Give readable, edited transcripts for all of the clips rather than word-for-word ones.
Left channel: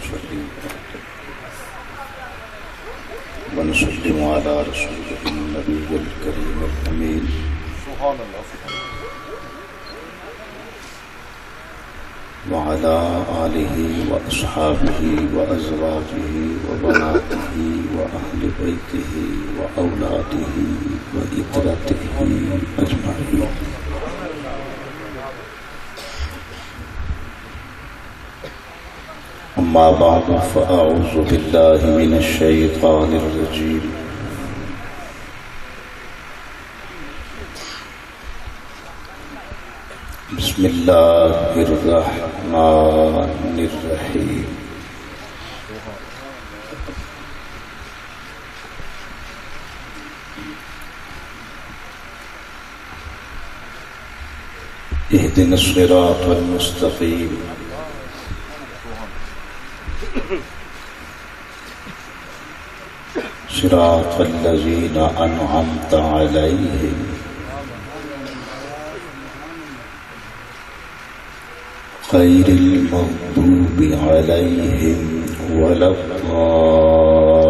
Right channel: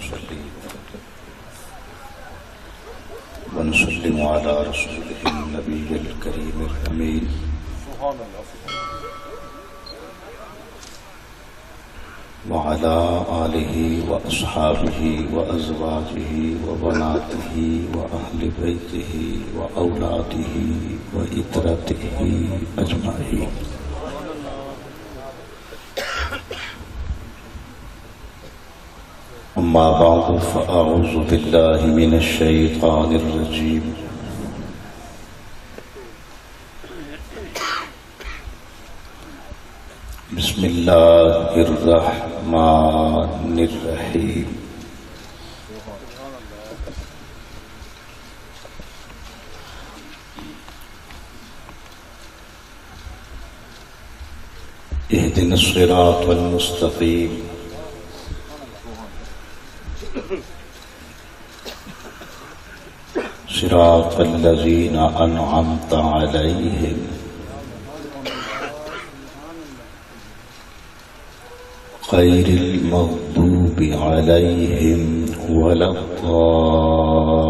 نصلي ونسلم على رسوله النبي الكريم الأمين وعلى آله وأصحابه وأزواجه وبناته وأهل بيته وأولاده وإترته أجمعين. أما بعد فأعوذ بالله من الشيطان الرجيم. بسم الله الرحمن الرحيم. اهدنا الصراط المستقيم صراط الذين أنعمت عليهم غير المغضوب عليهم ولا الضالين.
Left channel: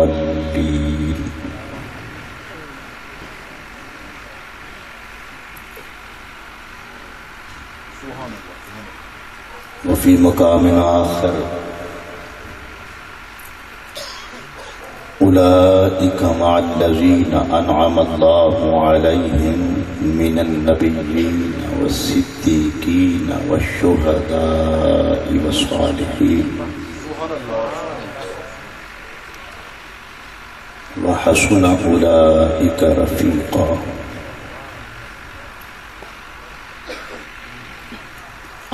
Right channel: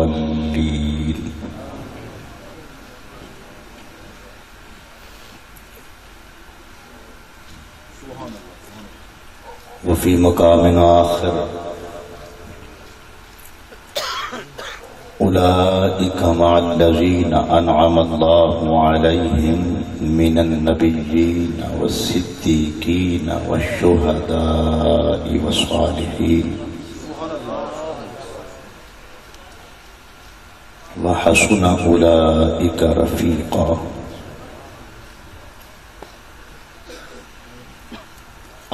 وفي مقام آخر أولئك مع الذين أنعم الله عليهم من النبيين والصديقين والشهداء والصالحين وحسن أولئك رفيقا.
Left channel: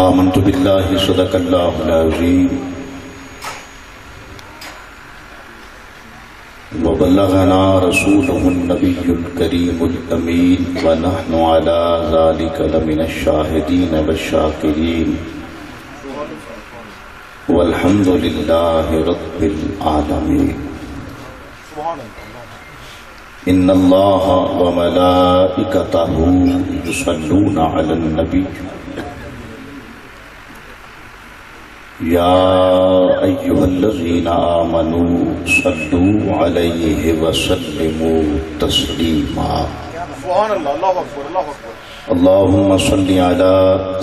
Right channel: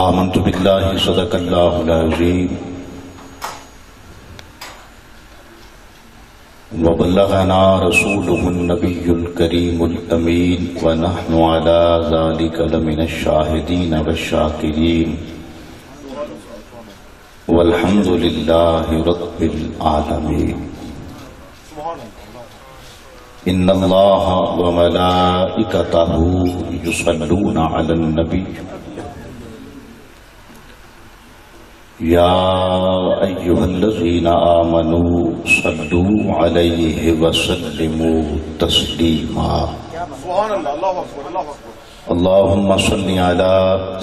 آمنت بالله صدق الله العظيم وبلغنا رسوله النبي الكريم الأمين ونحن على ذلك لمن الشاهدين والشاكرين والحمد لله رب العالمين. إن الله وملائكته يصلون على النبي يا أيها الذين آمنوا صلوا عليه وسلموا تسليما. سبحان الله. الله أكبر. الله أكبر. اللهم صل على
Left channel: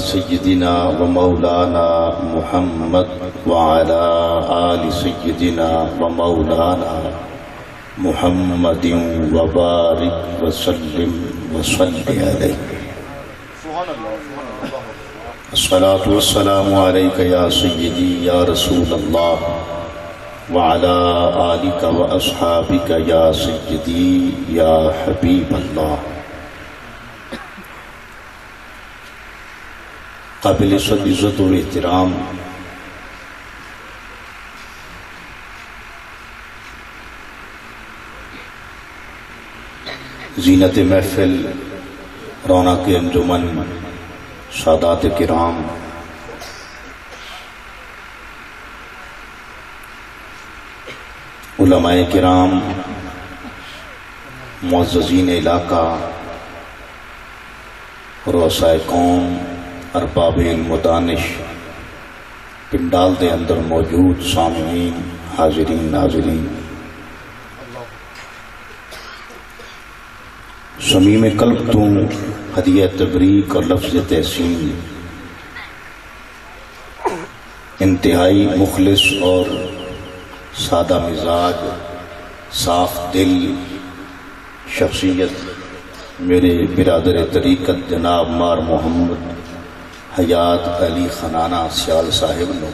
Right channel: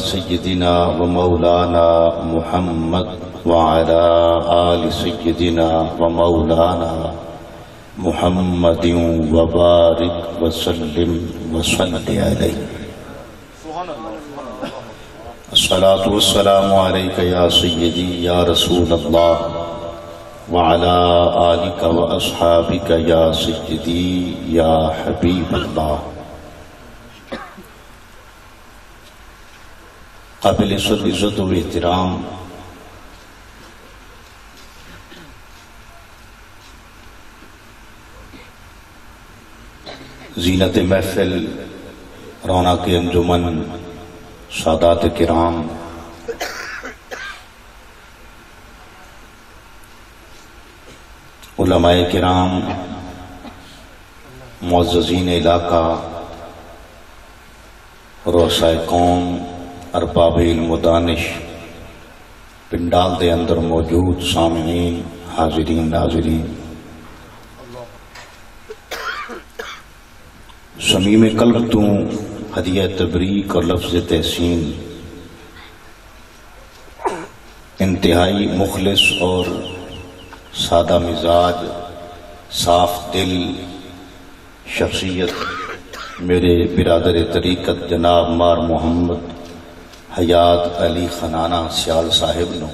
سيدنا ومولانا محمد وعلى آل سيدنا ومولانا محمد وبارك وسلم وصل عليه. سبحان الله. الصلاة والسلام عليك يا سيدي يا رسول الله وعلى آلك وأصحابك يا سيدي يا حبيب الله. قابل عزت و احترام زینت محفل، رونق انجمن، سادات کرام، علماء کرام، معززین علاقہ، رؤسائے قوم، ارباب علم و دانش، پنڈال دے اندر موجود سامعین، حاضرین ناظرین، صمیم قلب تو ہدیہ تبریک اور لفظ تحسین انتہائی مخلص اور سادہ مزاج، صاف دل شخصیت میرے برادر طریقت جناب مار محمد حیات علی خنانہ سیال صاحب نو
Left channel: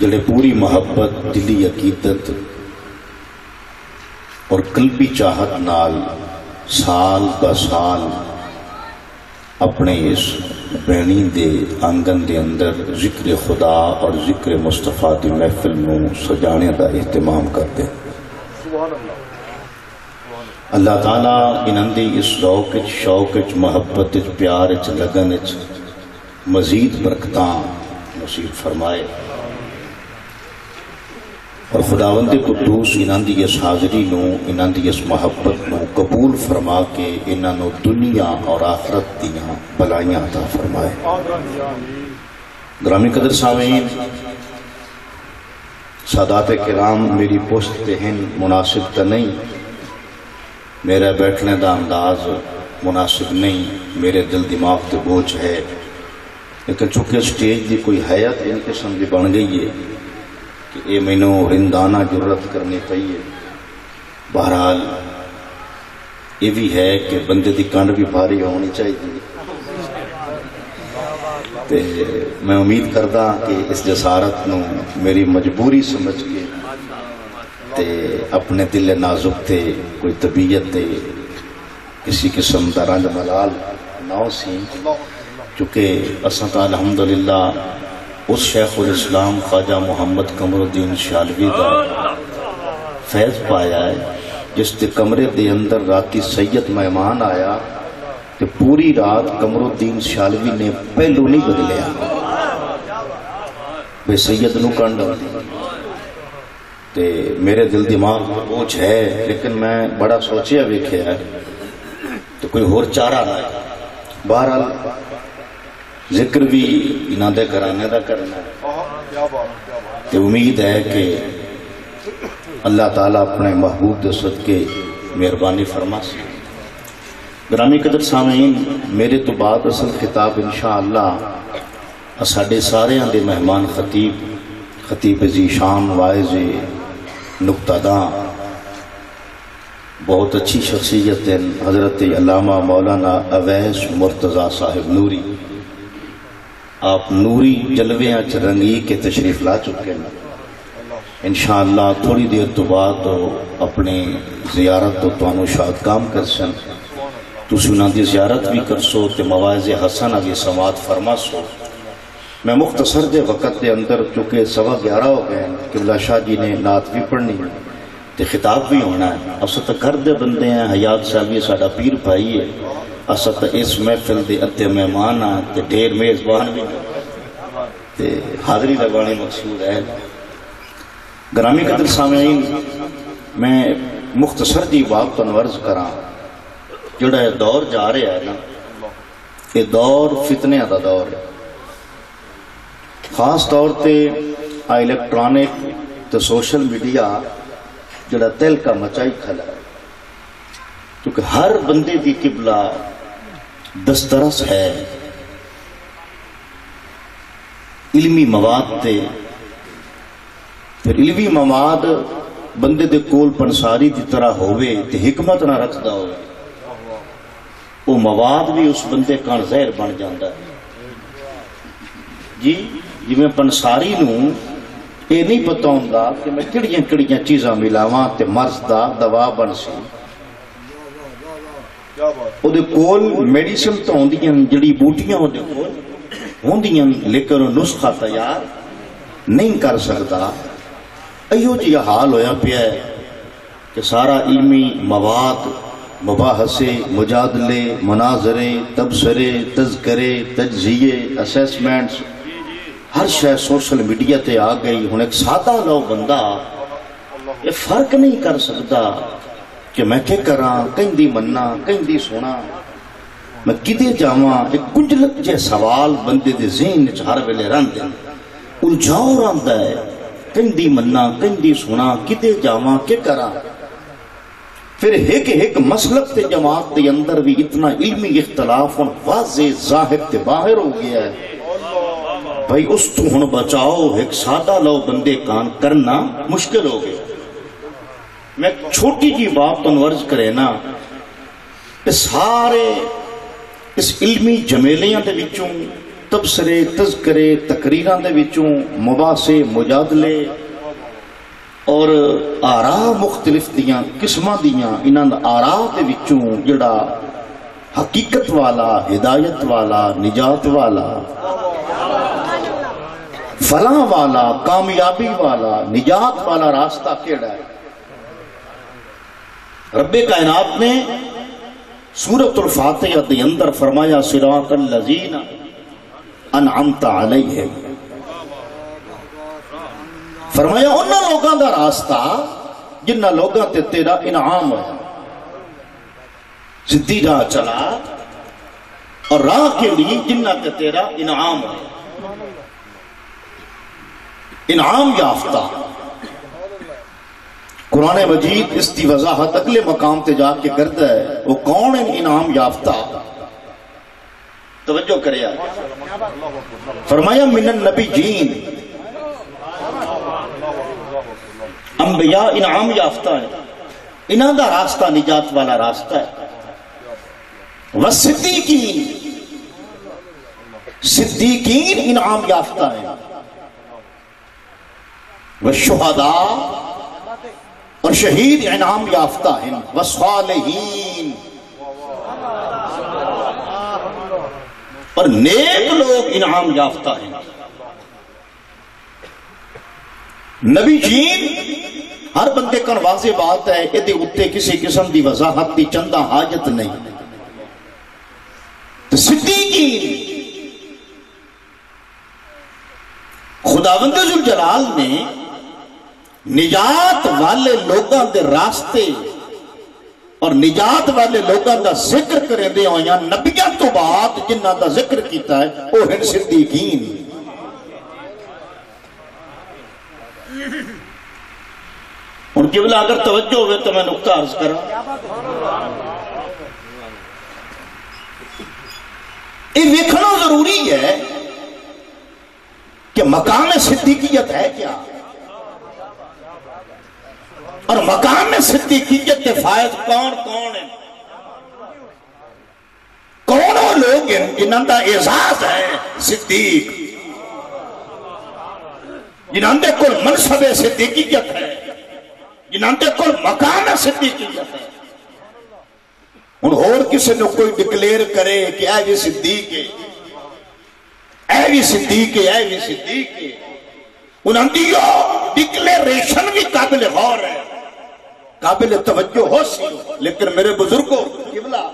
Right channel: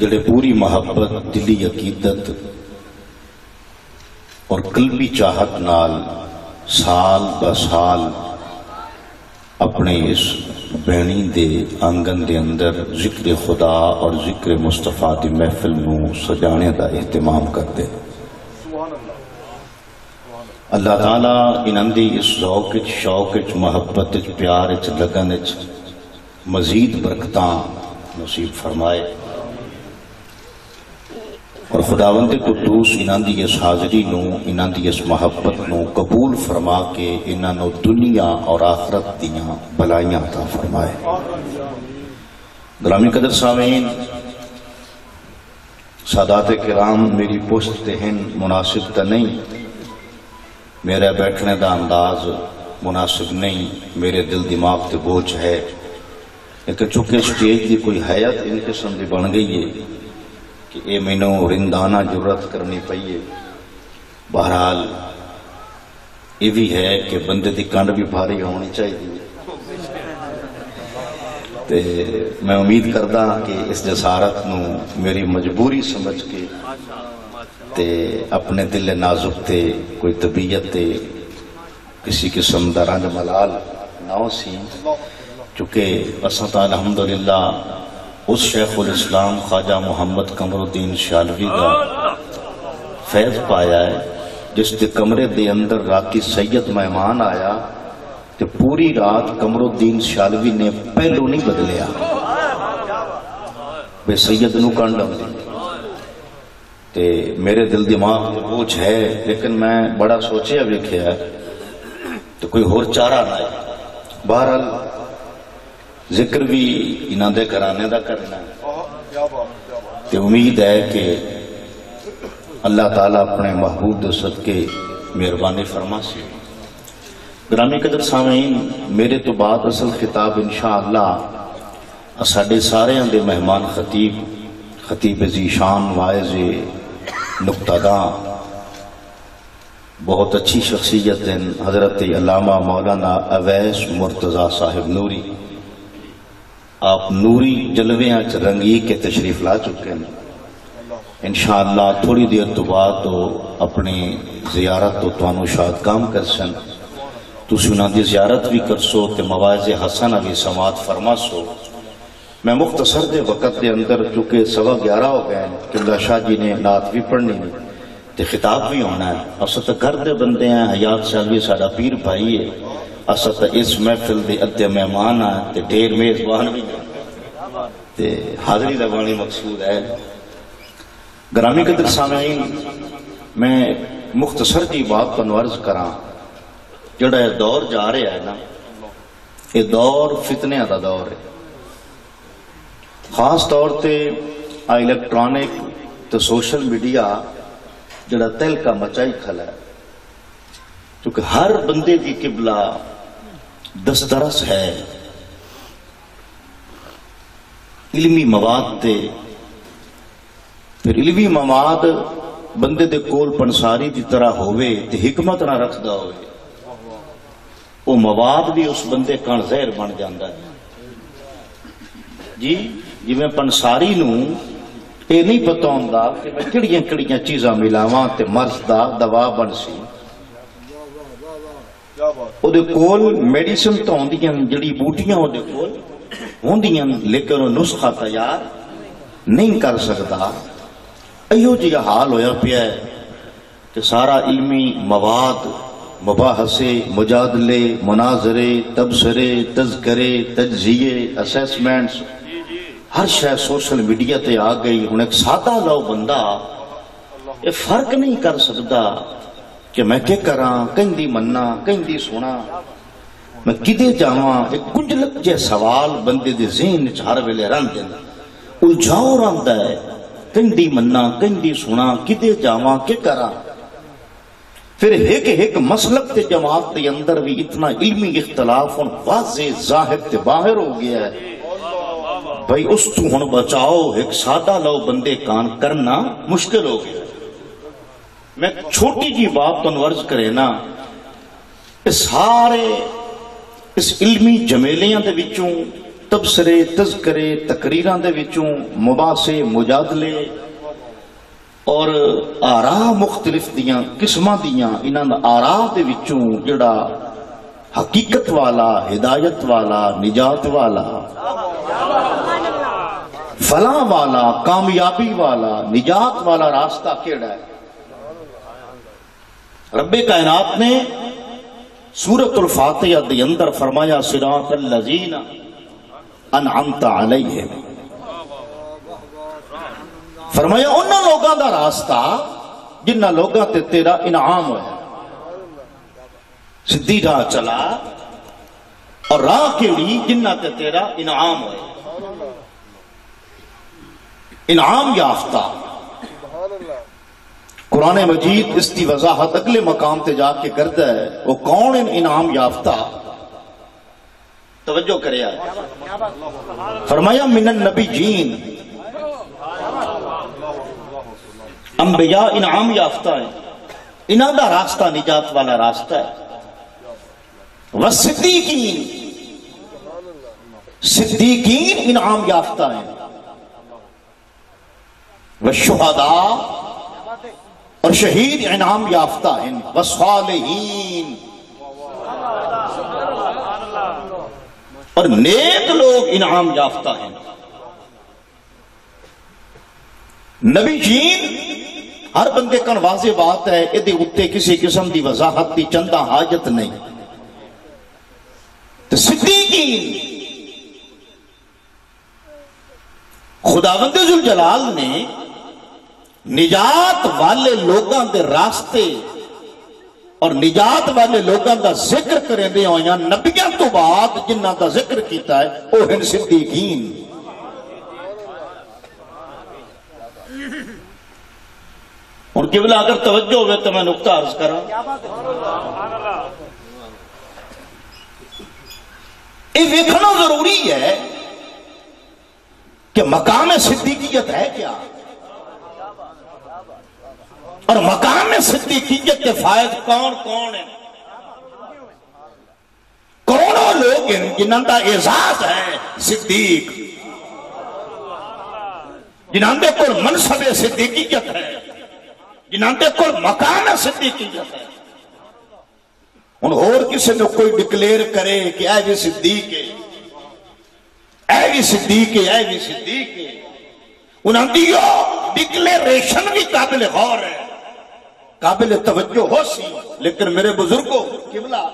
جڑے پوری محبت، دلی عقیدت اور قلبی چاہت نال سال با سال اپنے اس بینی دے آنگن دے اندر ذکر خدا اور ذکر مصطفیٰ دی محفل نو سجانے دا اہتمام کرتے. اللہ تعالیٰ انہاں دی اس ذوق شوق محبت پیار لگن مزید برکتاں نصیب فرمائے اور خداوند قدوس انہاں دی اس حاضری نو، انہاں دی اس محبت نو قبول فرما کے انہاں نو دنیا اور آخرت دیاں بلائیاں عطا فرمائے. گرامی قدر سامعین، سادات کرام، میری پشت تے ہن مناسب تا نہیں، میرا بیٹھنے دا انداز مناسب نہیں، میرے دل دماغ تے بوجھ ہے، لیکن چونکہ سٹیج دی کوئی حیات ان قسم دی بن گئی ہے کہ اے مینوں رندانہ جرت کرنی پئی ہے۔ بہرحال یہ بھی ہے کہ بندے دی کنڈ بھی بھاری ہونی چاہیے، تے میں امید کردا کہ اس جسارت نو میری مجبوری سمجھ کے تے اپنے دل نازک تے کوئی طبیعت تے کسی قسم دا رنج ملال نہ سی، چونکہ اساں تا الحمدللہ اس شیخ الاسلام خواجہ محمد قمر الدین شالوی کا فیض پایا ہے جس کے کمرے دے اندر راتی سید مہمان آیا تے پوری رات قمر الدین شالوی نے پہلو نہیں بدلیا، بے سید نو کنڈ آتی تے میرے دل دماغ میں بوجھ ہے، لیکن میں بڑا سوچیا ویکھیا ہے تو کوئی اور چارہ نہ ہے۔ بہرحال ذکر بھی انہاں دے گھرانے دا کرنا ہے تے امید ہے کہ اللہ تعالیٰ اپنے محبوب دے صدقے مہربانی فرما سی۔ گرامی قدر سامعین، میرے تو بعد اصل خطاب انشاءاللہ ساڈے سارے دے مہمان خطیب ذیشان واعظ نقطہ داں بہت اچھی شخصیت ہیں حضرت علامہ مولانا اویس مرتضیٰ صاحب نوری، آپ نوری جلویاں چ رنگی کے تشریف لا چکے ہیں۔ انشاءاللہ تھوڑی دیر تو بعد اپنی زیارت تو توانو شاد کام کر سن، تسی انہاں دی زیارت بھی کر سو تے مواعظ حسنہ بھی سماعت فرما سو۔ میں مختصر دے وقت دے اندر چونکہ 11:15 ہو گئے ہیں، قبلہ شاہ جی نے نعت بھی پڑھنی ہے تے خطاب بھی ہونا ہے۔ اساں تے گھر دے بندے ہیں، حیات سالوی ساڈا پیر بھائی ہے، اساں تے اس محفل دے ادھے مہمان ہیں تے ڈھیر میزبان بھی تے حاضری لگانی مقصود ہے۔ گرامی قدر سامعین، میں مختصر جی بات تو عرض کراں، جڑا یہ دور جا رہا ہے نا، یہ دور فتنے دا دور ہے، خاص طور تے الیکٹرانک تے سوشل میڈیا جڑا تل کا مچائی کھلا ہے، کیونکہ ہر بندے دی قبلہ دسترس ہے علمی مواد تے، پھر علمی مواد بندے دے کول پنساری دی طرح ہوئے تے حکمت نہ رکھدا ہوئے، وہ مواد بھی اس بندے کان زہر بن جاندہ ہے۔ جی میں پنساری نو یہ نہیں پتہ ہوندا کہ میں کڑیاں چیزاں ملاواں تے مرض دا دوا بن سی، او دے کول میڈیسن تو ہوندیاں، جڑی بوٹیاں او دے کول ہوندیاں، لیکن نسخہ تیار نہیں کر سکتا۔ ایہو جی حال ہویا پیا ہے کہ سارا علمی مواد، مباحثے، مجادلے، مناظرے، تبصرے، تذکرے، تجزیے، اسیسمنٹس، ہر شے سوشل میڈیا تے آ گئی۔ ہن ایک سادہ لو بندہ یہ فرق نہیں کر سکتا کہ میں کیا کراں، کہیں دی مننا، کہیں دی سونا، میں کدے جاواں۔ ایک گنجلک جے سوال بندے دے ذہن وچ ہر ویلے رہندے، الجھاؤ رہندا ہے، کہیں دی مننا، کہیں دی سونا، کدے جاواں، کیا کراں۔ پھر ایک مسلک تے جماعت دے اندر بھی اتنا علمی اختلاف واضح ظاہر تے باہر ہو گیا ہے، بھائی اس تو ہن بچاؤ ایک سادہ لو بندے کان کرنا مشکل ہو گیا۔ میں چھوٹی جی بات تو عرض کرے نا، سارے اس علمی جمیلیاں دے وچوں، تبصرے، تذکرے، تقریراں دے وچوں، مباحثے، مجادلے اور آراء مختلف دیاں قسماں دیاں، انہاں آراء دے وچوں جڑا حقیقت والا، ہدایت والا، نجات والا، فلاں والا، کامیابی والا، نجات والا راستہ کیڑا ہے؟ رب کائنات نے سورۃ الفاتحہ دے اندر فرمایا صراط الذین انعمت علیہم، فرمایا انہاں لوگاں دا راستہ جنہ لوگاں تے تیرا انعام ہے، سدھی راہ چلا اور راہ کیڑی جنہ تے تیرا انعام ہے۔ انعام یافتہ. قرآن مجید اس کی وضاحت اگلے مقام تے جا کے کرتا ہے. وہ کون انعام یافتہ؟ توجہ کرے. فرمایا من النبیین، انبیاء انعام یافتہ ہیں، انہاں دا راستہ نجات والا راستہ ہے. والصدیقین، صدیقین انعام یافتہ ہیں. والشہداء، اور شہید انعام یافتہ ہیں. والصالحین، اور نیک لوگ انعام یافتہ ہیں. نبی جین ہر بندے کا واضح بات ہے، ادھے اتے کسی قسم دی وضاحت دی چندہ حاجت نہیں. تو صدیقین، خداوند ذوالجلال نے نجات والے لوگاں دے راستے اور نجات والے لوگاں دا ذکر کریں دے ہوئے نبیاں تو بعد جنہ دا ذکر کیتا ہے وہ ہیں صدیقین. ان کے بلا اگر توجہ ہوئے تو میں نقطہ عرض کرا. یہ دیکھنا ضروری ہے کہ مقام صدیقیت ہے کیا، اور مقام صدیقیت کے فائد کون کون ہیں. کون وہ لوگ ہیں جنہاں دا اعزاز ہے صدیق، جنہاں دے کل منصب صدیقیت ہے، جنہاں دے کل مقام صدیقیت ہے. ان اور کسی نے کوئی ڈکلیئر کرے کہ اے بھی صدیق ہے، اے بھی صدیق ہے، اے بھی صدیق ہے، انہاں دیو ڈکلیریشن بھی قابل غور ہے، قابل توجہ ہو سی. لیکن میرے بزرگوں قبلہ،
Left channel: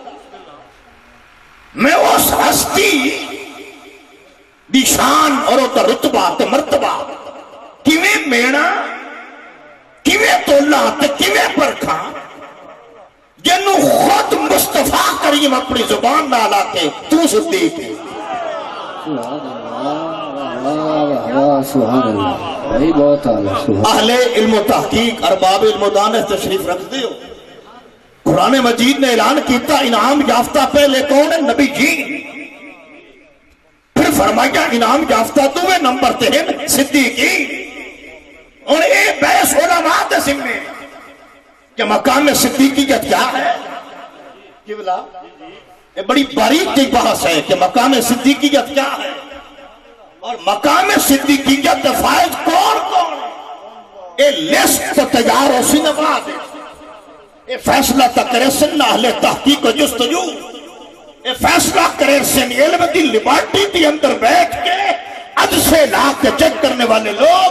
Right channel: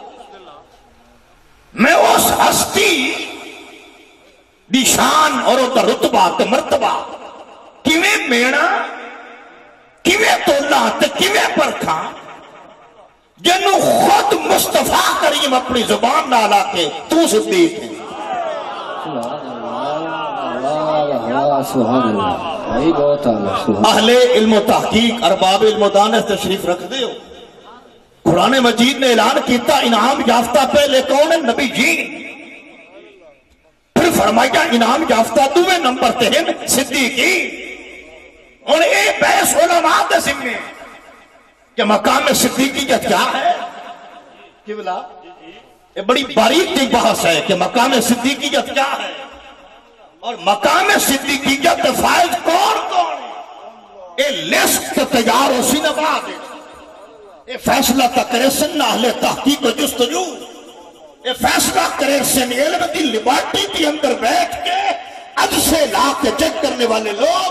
میں اس ہستی دی شان اور اس رتبہ تے مرتبہ کیویں مینا، کیویں تولا تے کیویں پرکھا، جنوں خود مصطفیٰ کریم اپنی زبان نہ لا کے تو صدیق ہے. اہل علم و تحقیق، ارباب علم و دانش تشریف رکھ دیو. قرآن مجید نے اعلان کیتا انعام یافتہ پہلے کون ہے؟ نبی جین. پھر فرمایا انعام یافتہ دوے نمبر تے ہیں صدیقین. اور اے بحث علماء دے ذمے کہ مقام صدیقیت کیا ہے. قبلہ یہ بڑی باریک کی بحث ہے کہ مقام صدیقیت کیا ہے اور مقام صدیقیت کے فائد کون کون ہے. یہ لسٹ تیار ہو سی نبا دے، یہ فیصلہ کرے سن اہل تحقیق و جستجو، یہ فیصلہ کرے سن علم دی لیبارٹی دی اندر بیٹھ کے اج سے لا کے چیک کرنے والے لوگ.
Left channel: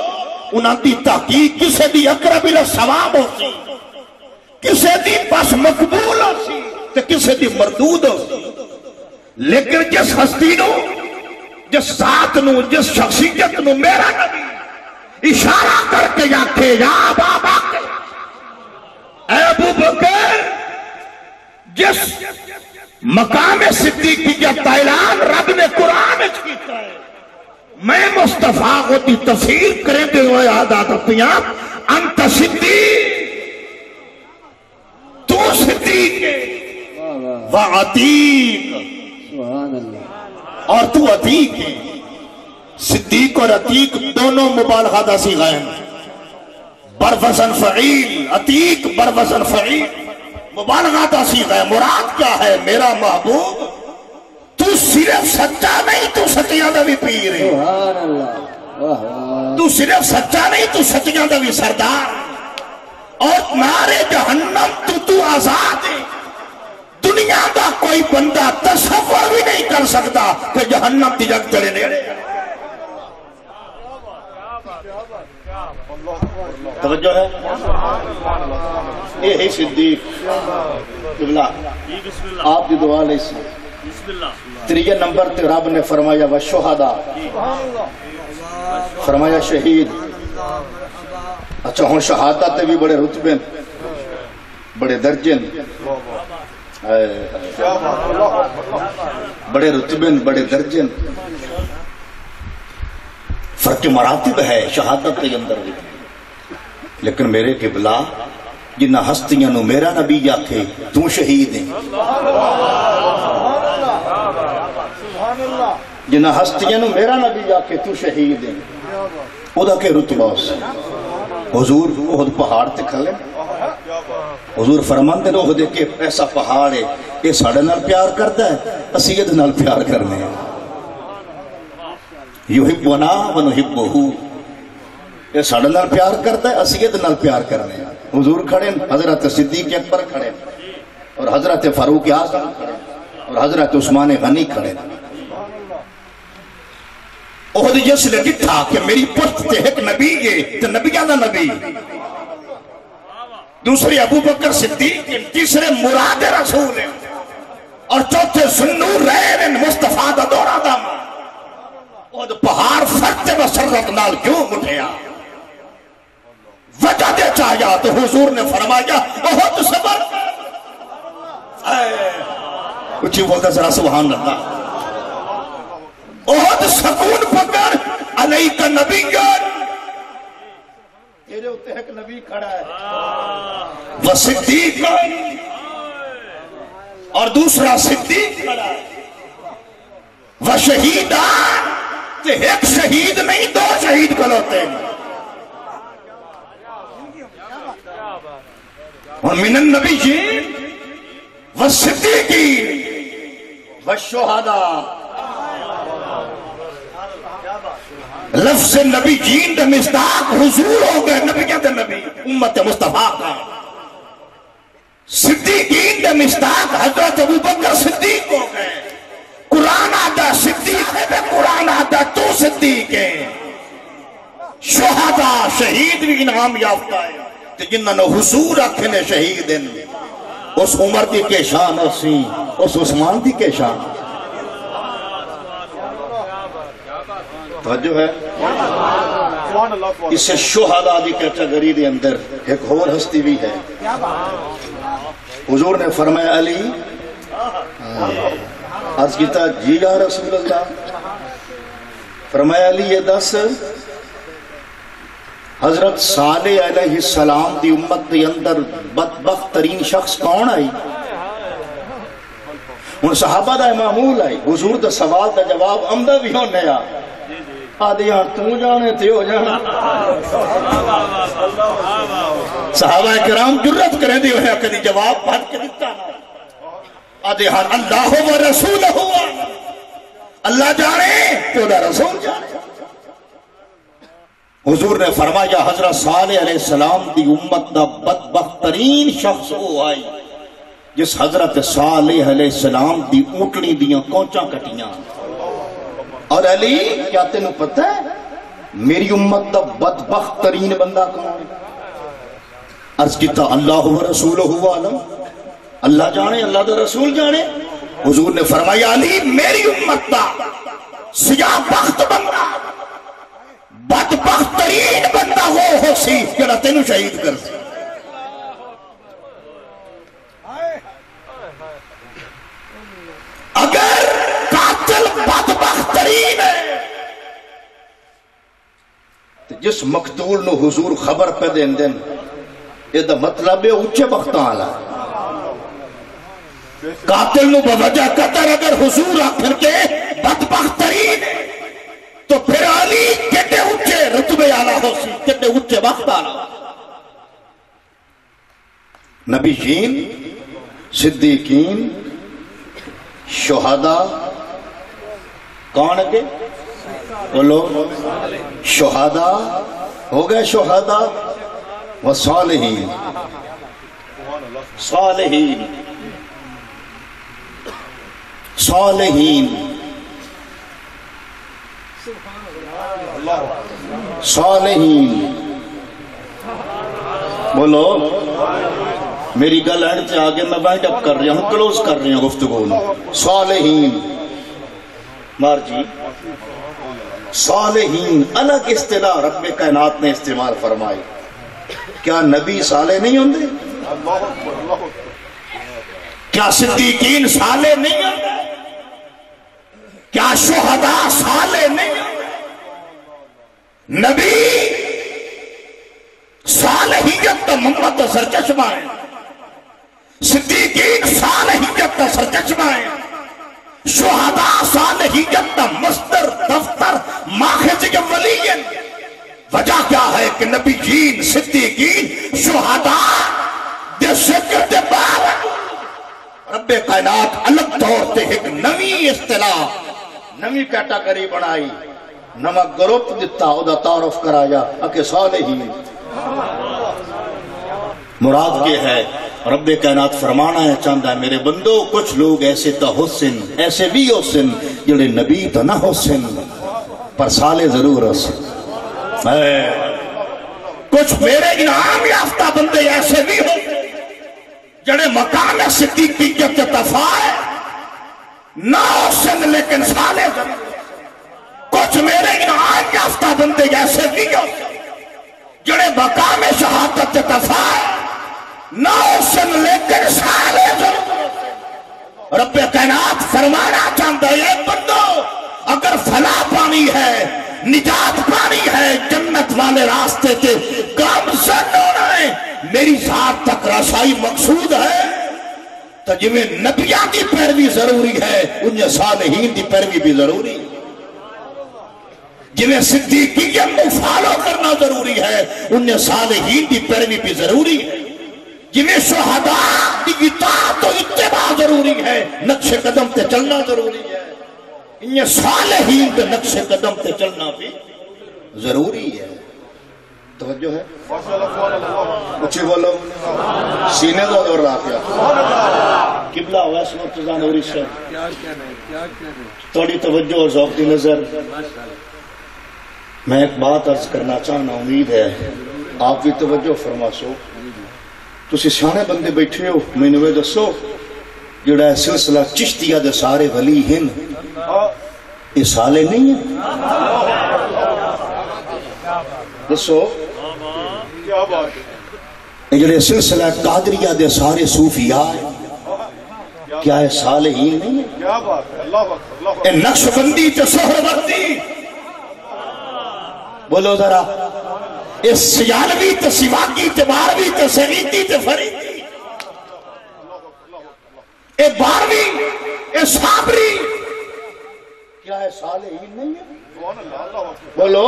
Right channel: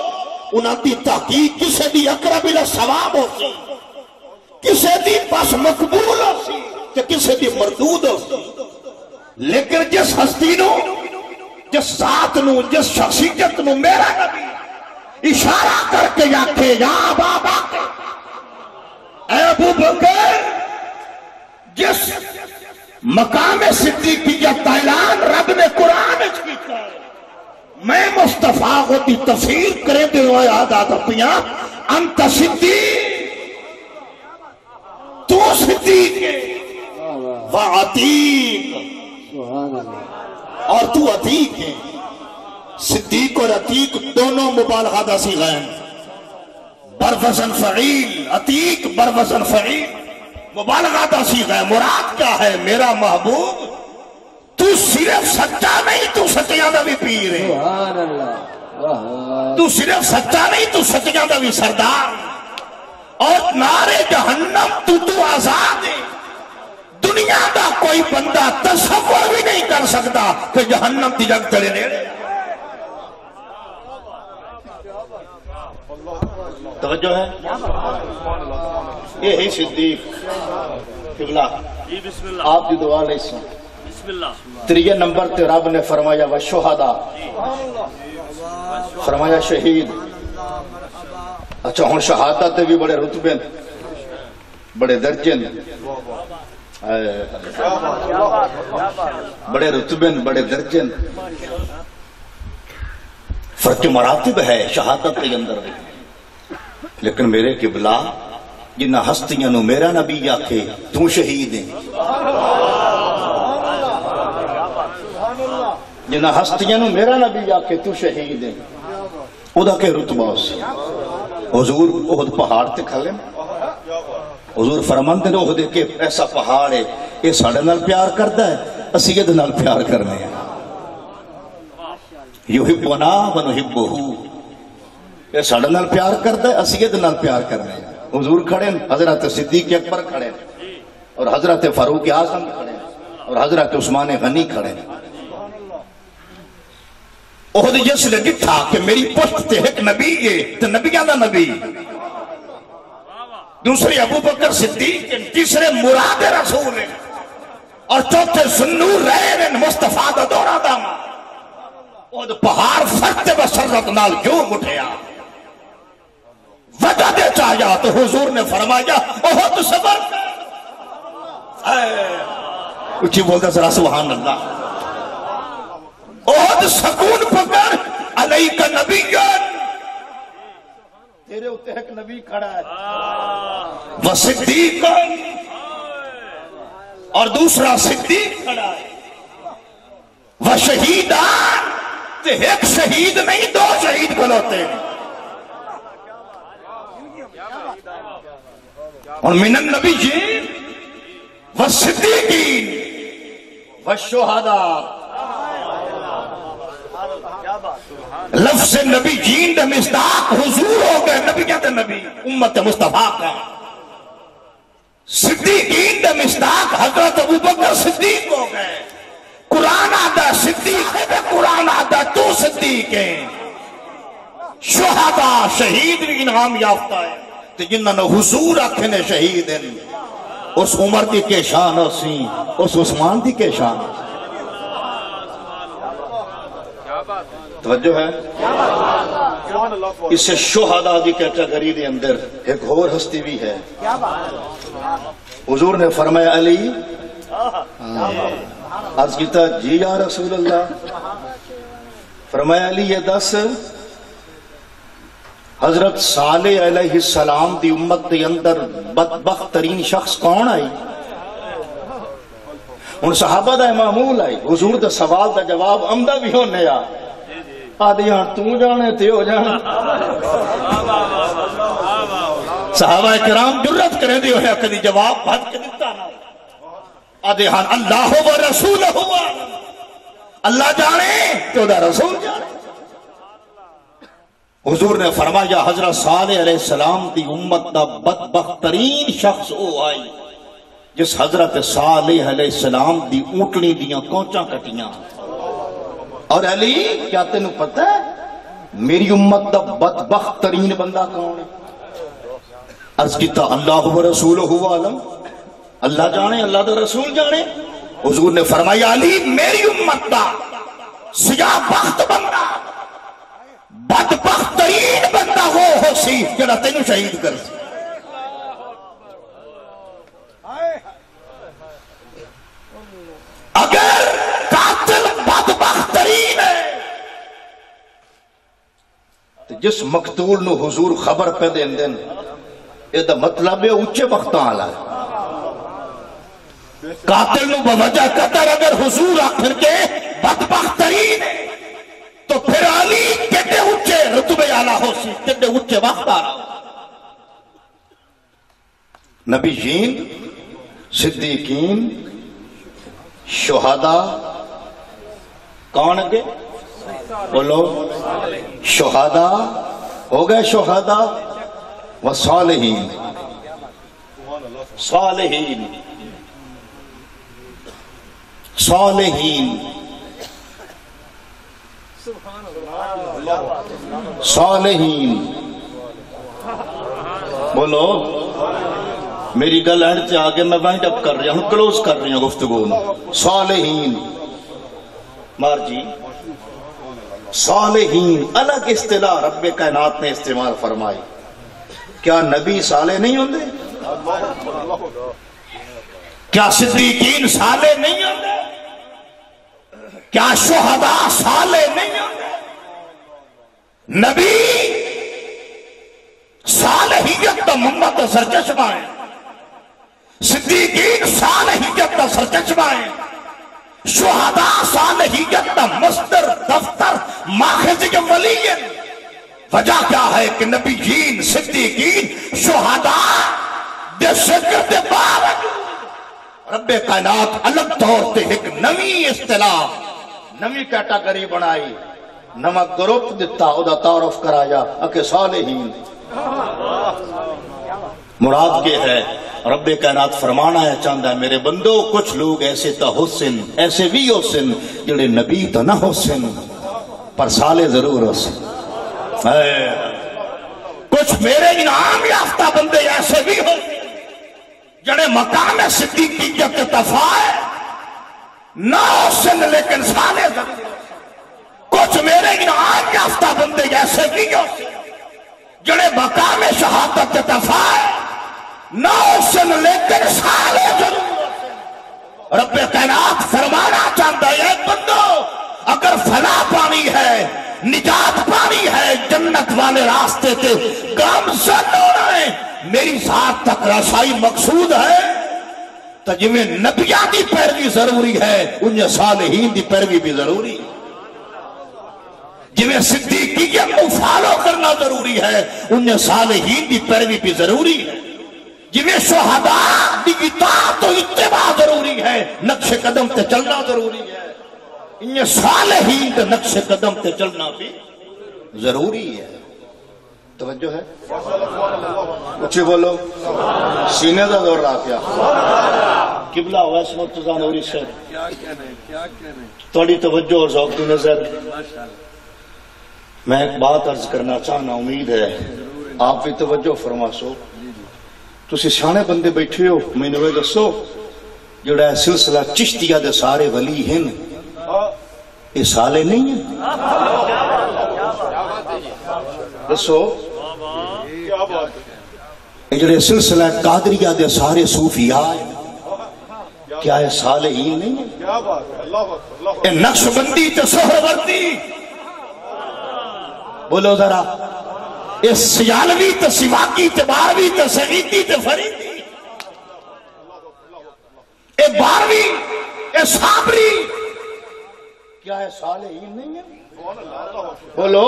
انہاں دی تحقیق کسے دی اقرب الی ثواب ہو سی، کسے دی بس مقبول ہو سی تے کسے دی مردود ہو سی. لیکن جس ہستی نو، جس ذات نو، جس شخصیت نو میرا نبی اشارہ کر کے آکھے یا بابا کے اے ابو بکر، جس مقام صدیقیت کا اعلان رب نے قرآن وچ کیتا ہے، میں مصطفیٰ کو دی تفسیر کریں دے ہوئے عادات اپنیاں انت صدیق، تو صدیق ہے، وعتیق، اور تو عتیق ہے. صدیق اور عتیق دونوں مبالغہ دا صیغہ ہیں، بروزن فعیل. عتیق بروزن فعیل، مبالغہ دا صیغہ ہے. مراد کیا ہے؟ میرا محبوب تو صرف سچا نہیں، تو سچیاں دا بھی پیر ہے. تو صرف سچا نہیں، تو سچیاں دا بھی سردار. اور نارے جہنم تو آزاد ہے. دنیا دا کوئی بندہ تصور بھی نہیں کر سکتا کہ جہنم کی جگ چڑے دے. توجہ ہے؟ یہ ہے صدیق. قبلہ آپ کی دعا لے سی. تریہ نمبر تے رب نے فرمایا والشہداء، فرمایا شہید. اچھا ہوں شہادت بھی بڑے رتبے بڑے درجے، بڑے رتبے بڑے درجے. فرق مراتب ہے شہادت کے اندر بھی، لیکن میرے قبلہ جنہ ہستیاں نو میرا نبی آکھے تو شہید ہیں، جنہ ہستیاں نو میرا نبی آکھے تو شہید ہیں، او دا کہ رتبہ اس حضور احد پہاڑ تے کھلے، حضور فرماندے نے احد کے ایسا پہاڑ ہے یہ ساڑھے نال پیار کرتا ہے، اسی یہ نال پیار کرنے ہیں، یحبنا ونحبہ، یہ ساڑھے نال پیار کرتا ہے، اسی یہ نال پیار کرنے ہیں۔ حضور کھڑے، حضرت صدیق اکبر کھڑے، اور حضرت فاروق اعظم کھڑے، اور حضرت عثمان غنی کھڑے۔ احد جس نے ڈٹھا کہ میری پشت تے ایک نبی ہے تو نبیاں دا نبی، دوسرے ابو بکر صدیق، تیسرے مراد رسول ہیں، اور چوتھے سنور رہن مصطفیٰ دا دورہ داما، احد پہاڑ فرد بسرت نال کیوں اٹھیا؟ وجہ دے چاہیا تو حضور نے فرمایا احد صبر، اچھی بولتا ذرا سبحان اللہ، احد سکون پکڑ، علیک نبیان، تیرے ہوتے ایک نبی کھڑا ہے، وصدیقان، اور دوسرا صدیق کھڑا ہے، وشہیدان، تے ایک شہید نہیں دو شہید کھلوتے ہیں، اور من النبیین والصدیقین والشہداء، لفظ نبی جین دے مصداق حضور ہو گئے، نبیوں دے نبی امت مصطفیٰ کا، صدیقین دے مصداق حضرت ابو بکر صدیق ہو گئے، قرآن آدھا صدیق ہے، قرآن آدھا تو صدیق ہے، شہداء شہید بھی انعام یافتہ ہے، تو جنہوں نے حضور رکھنے شہید ہیں، اس عمر دی کے شان اسی، اس عثمان دی کے شان، توجہ ہے، اسے شہداء دی کیٹیگری دے اندر ایک اور ہستی بھی ہے، حضور نے فرمایا علی، عرض کیتا جی یا رسول اللہ، فرمایا علی یہ دس حضرت صالح علیہ السلام دی امت کے اندر بدبخت ترین شخص کون آئی؟ ان صحابہ دا معمول آئی، حضور دا سوال دا جواب عمدہ بھی ہونے آ، آدھی ہاں تو جانے تے ہو جانا، صحابہ کرام جرت کریں دی ہویا کدی جواب بھٹ کے دیتا نا، آدھی ہاں اللہ و رسول ہوا، اللہ جانے تو دا رسول جانے۔ حضور نے فرمایا حضرت صالح علیہ السلام دی امت دا بدبخت ترین شخص وہ آئی جس حضرت صالح علیہ السلام دی اونٹنی دیاں کونچاں کٹیاں، اور علی کیا تینوں پتہ ہے میری امت دا بدبخت ترین بندہ کون ہے؟ عرض کیتا اللہ و رسولہ عالم، اللہ جانے اللہ دا رسول جانے۔ حضور نے فرمایا علی میری امت دا سیاہ بخت بندہ بدبخت ترین بندہ ہو سی جڑا تینوں شہید کر سی، اگر قاتل بدبخت ترین ہے تو جس مقتول نو حضور خبر پہ دین دین یہ دا مطلب ہے اچھے بختاں آلہ، قاتل نو بوجہ قطر اگر حضور آخر کے بدبخت ترین ہے تو پھر علی کتے اچھے رتبے آلہ ہو سی، کتے اچھے وقت آلہ، نبیین، صدیقین، شہداء، کون ہے بولو، شہداء ہو گئے، شہداء و صالحین، صالحین، صالحین، صالحین، بولو میری گل اینڈ سے آگے میں وائنڈ اپ کر رہا ہوں، کلوز کر رہا ہوں گفتگو میں، صالحین، مار جی صالحین الگ اصطلاح رب کائنات نے استعمال فرمائی، کیا نبی صالح نہیں ہوندے؟ کیا صدیقین صالح نہیں ہوندے؟ کیا شہداء صالح نہیں ہوندے؟ نبی صالحیت دا محمد دا سرچشمہ ہے، صدیقین صالحیت دا سرچشمہ ہے، شہداء صالحیت دا مصدر دفتر ماخذ ولی ہے۔ وجہ کیا ہے کہ نبی جین صدیقین شہداء دے ذکر دے باوجود رب کائنات الگ طور تے ایک نوی اصطلاح نوی کیٹاگری بنائی، نما گروپ دیتا او دا تعارف کرایا اکے صالحین۔ مراد یہ ہے رب کائنات فرمانا ہے چاہتا ہے میرے بندو کچھ لوگ ایسے تا حسن ایسے بھی حسن جڑے نبی تو نہ حسن پر صالح ضرور حسن، کچھ میرے انعام یافتہ بندے ایسے بھی ہوتے جڑے مقام صدیقیت تفائے نہ حسن لیکن صالح ضرور، کچھ میرے انعام یافتہ بندے ایسے بھی ہوتے جڑے مقام شہادت تفائے نہ حسن لیکن صالح ضرور۔ رب کائنات فرمانا چاہتا ہے اے بندو اگر فلاح پانی ہے نجات پانی ہے جنت والے راستے کے گامزن ہونا ہے میری ذات تک رسائی مقصود ہے تو جویں نبیان دی پیروی ضروری ہے انہیں صالحین دی پیروی بھی ضروری ہے، جویں صدیقیت کو فالو کرنا ضروری ہے انہیں صالحین دی پیروی بھی ضروری ہے، جویں شہداء دی اطاعت و اتباع ضروری ہے نقش قدم تے چلنا ضروری ہے انہیں صالحین دے نقش قدم تے چلنا بھی ضروری ہے۔ توجہ ہے اچھی بولو سینے دا دور رہا کیا قبلہ ویس مرتضی نوری صاحب توڑی توجہ اور ذوق کی نظر میں ایک بات عرض کرنا چاہنا امید ہے آپ بھی توجہ فرما سو تسی سیانے بندے بیٹھے ہو میں نے دسو جڑا سلسلہ چشتیہ دے سارے ولی ہیں یہ سالے نہیں ہیں دسو یہ جڑے سلسلہ قادریہ دے سارے صوفیاء ہیں کیا یہ صالحین نہیں ہیں؟ یہ نقش بندی تے سہروردی بولو ذرا یہ سیالوی تے سواقی تے باروی تے سعیدی تے فریدی یہ باروی یہ صابری کیا ہے صالحین نہیں ہے؟ بولو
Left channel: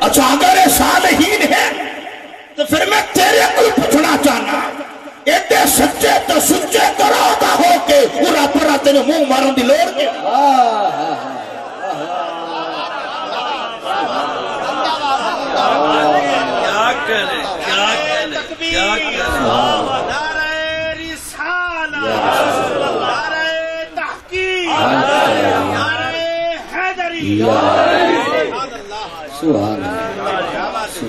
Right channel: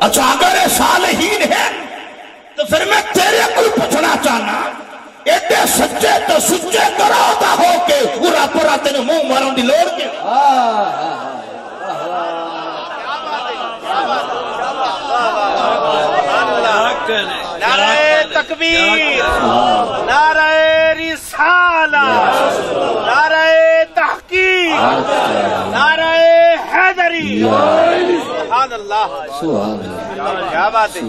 اچھا اگر یہ صالحین ہے تو پھر میں تیرے کوئی پوچھنا چاہنا ایڈے سچے تو سچے کرو دا ہو کے پورا پورا تینے منہ ماروں دی لوڑ کے نعرہ تکبیر، نعرہ رسالہ، نعرہ تحقیق، نعرہ حیدری، سبحان اللہ، کیا بات ہے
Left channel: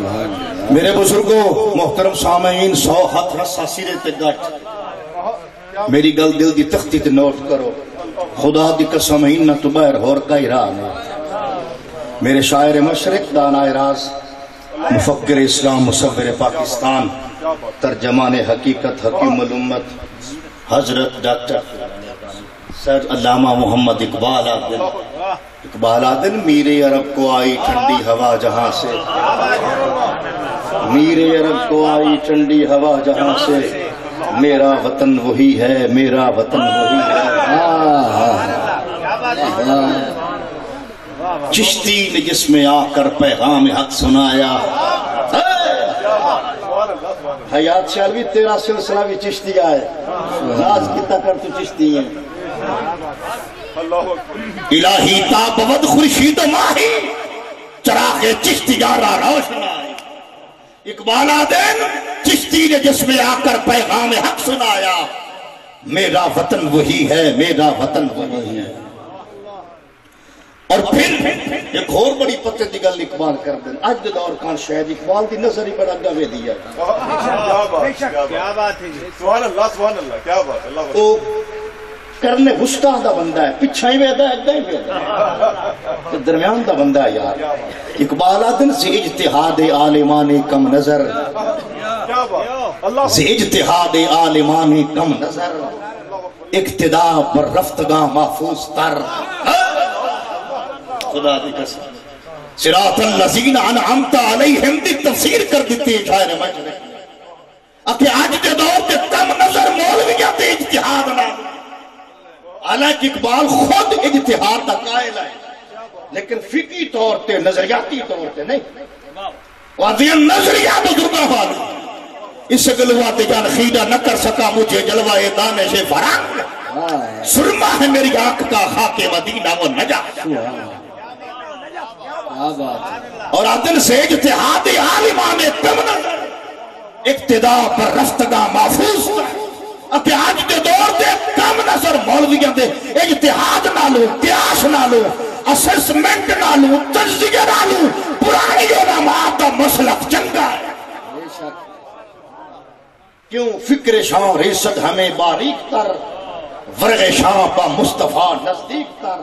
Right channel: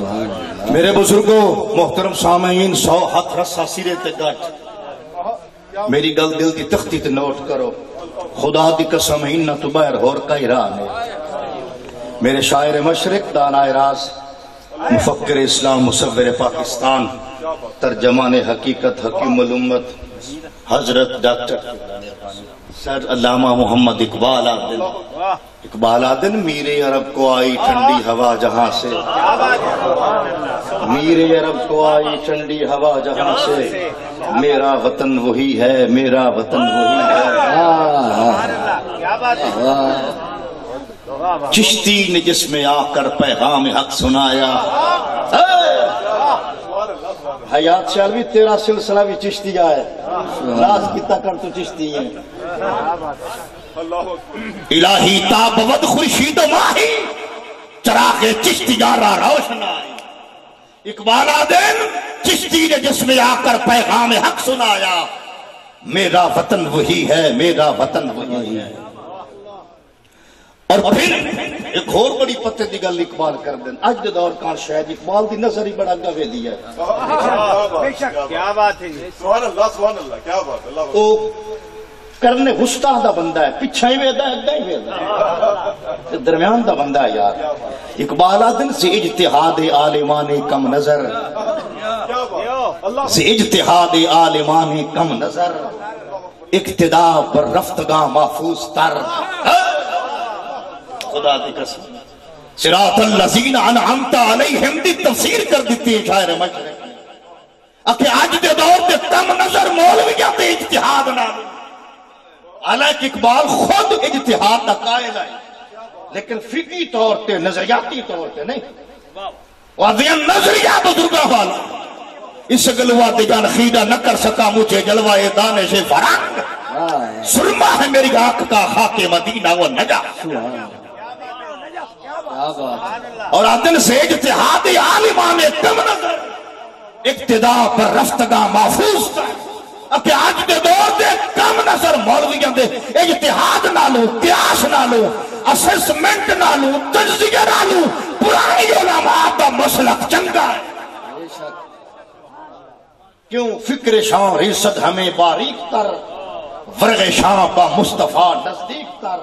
میرے بزرگوں محترم سامعین 100 ہاتھ رسا سیرے تے گٹ میری گل دل دی تختی تے نوٹ کرو خدا دی قسم ہی تو باہر ہور کئی راہ نہیں میرے شاعر مشرق دانائے راز مفکر اسلام مصور پاکستان ترجمان حقیقت حکیم الامت حضرت ڈاکٹر سر علامہ محمد اقبال آدن میرے عرب کو آئی ٹھنڈی ہوا جہاں سے میرے عرب کو آئی ٹھنڈی ہوا جہاں سے میرا وطن وہی ہے میرا وطن وہی ہے چشتی نے جس میں آ کر پیغام حق سنایا حیات شالوی تیرا سلسلہ بھی چشتی آئے راز کتا کر تو چشتی ہیں الہی تابود خورشید و ماہی چراغ چشتی گارا روشن آئے اقبال آدن چشتی نے جس میں آ کر پیغام حق سنایا میرا وطن وہی ہے میرا وطن وہی ہے اور پھر ایک اور بڑی پتے دی گل اقبال کر دیں آج دے دور کان شاید اقبال دی نظر ہی بڑا گوے دیا کیا بات ہے سبحان اللہ کیا بات اللہ وہ کرنے گستا دا بندہ ہے پچھا ہی ویدہ ہے ادھا ہی ویدہ ہے درمیان دا بندہ ہے یار اقبال آدن سے اجتہاد عالمان کم نظر سے اجتہاد عالمان کم نظر اقتداء پر رفتگاہ محفوظ تر خدا دی قسم صراط الذین انعمت علیہم دی تفسیر کر دیتی ہے شاعر مشرق نے کہ آج دے دور تے کم نظر مولویاں تے اجتہاد نہ، حالانکہ اقبال خود اجتہاد کا قائل ہے لیکن فقہی طور تے نظریاتی طور تے نہیں، وادیان نظریات بزرگاں والا اس گلوا دے جان خیدہ نہ کر سکا مجھے جلوہ دانش فرنگ، سرما ہے میری آنکھ کا خاک مدینہ و نجا، اور عدل سے اجتہادی عالمان کم نظر اقتداء پر رفتگاہ محفوظ تھا کہ آج دے دور دے کم نظر مولویاں دے اجتہاد نالو، قیاس نالو، اسسمنٹ نالو، تجزیہ نالو پرانی علماء دا مسلک چنگا ہے۔ کیوں فکر شاہ ریست ہمیں باریک تر، ورغ شاہ پا مصطفیٰ نزدیک تر،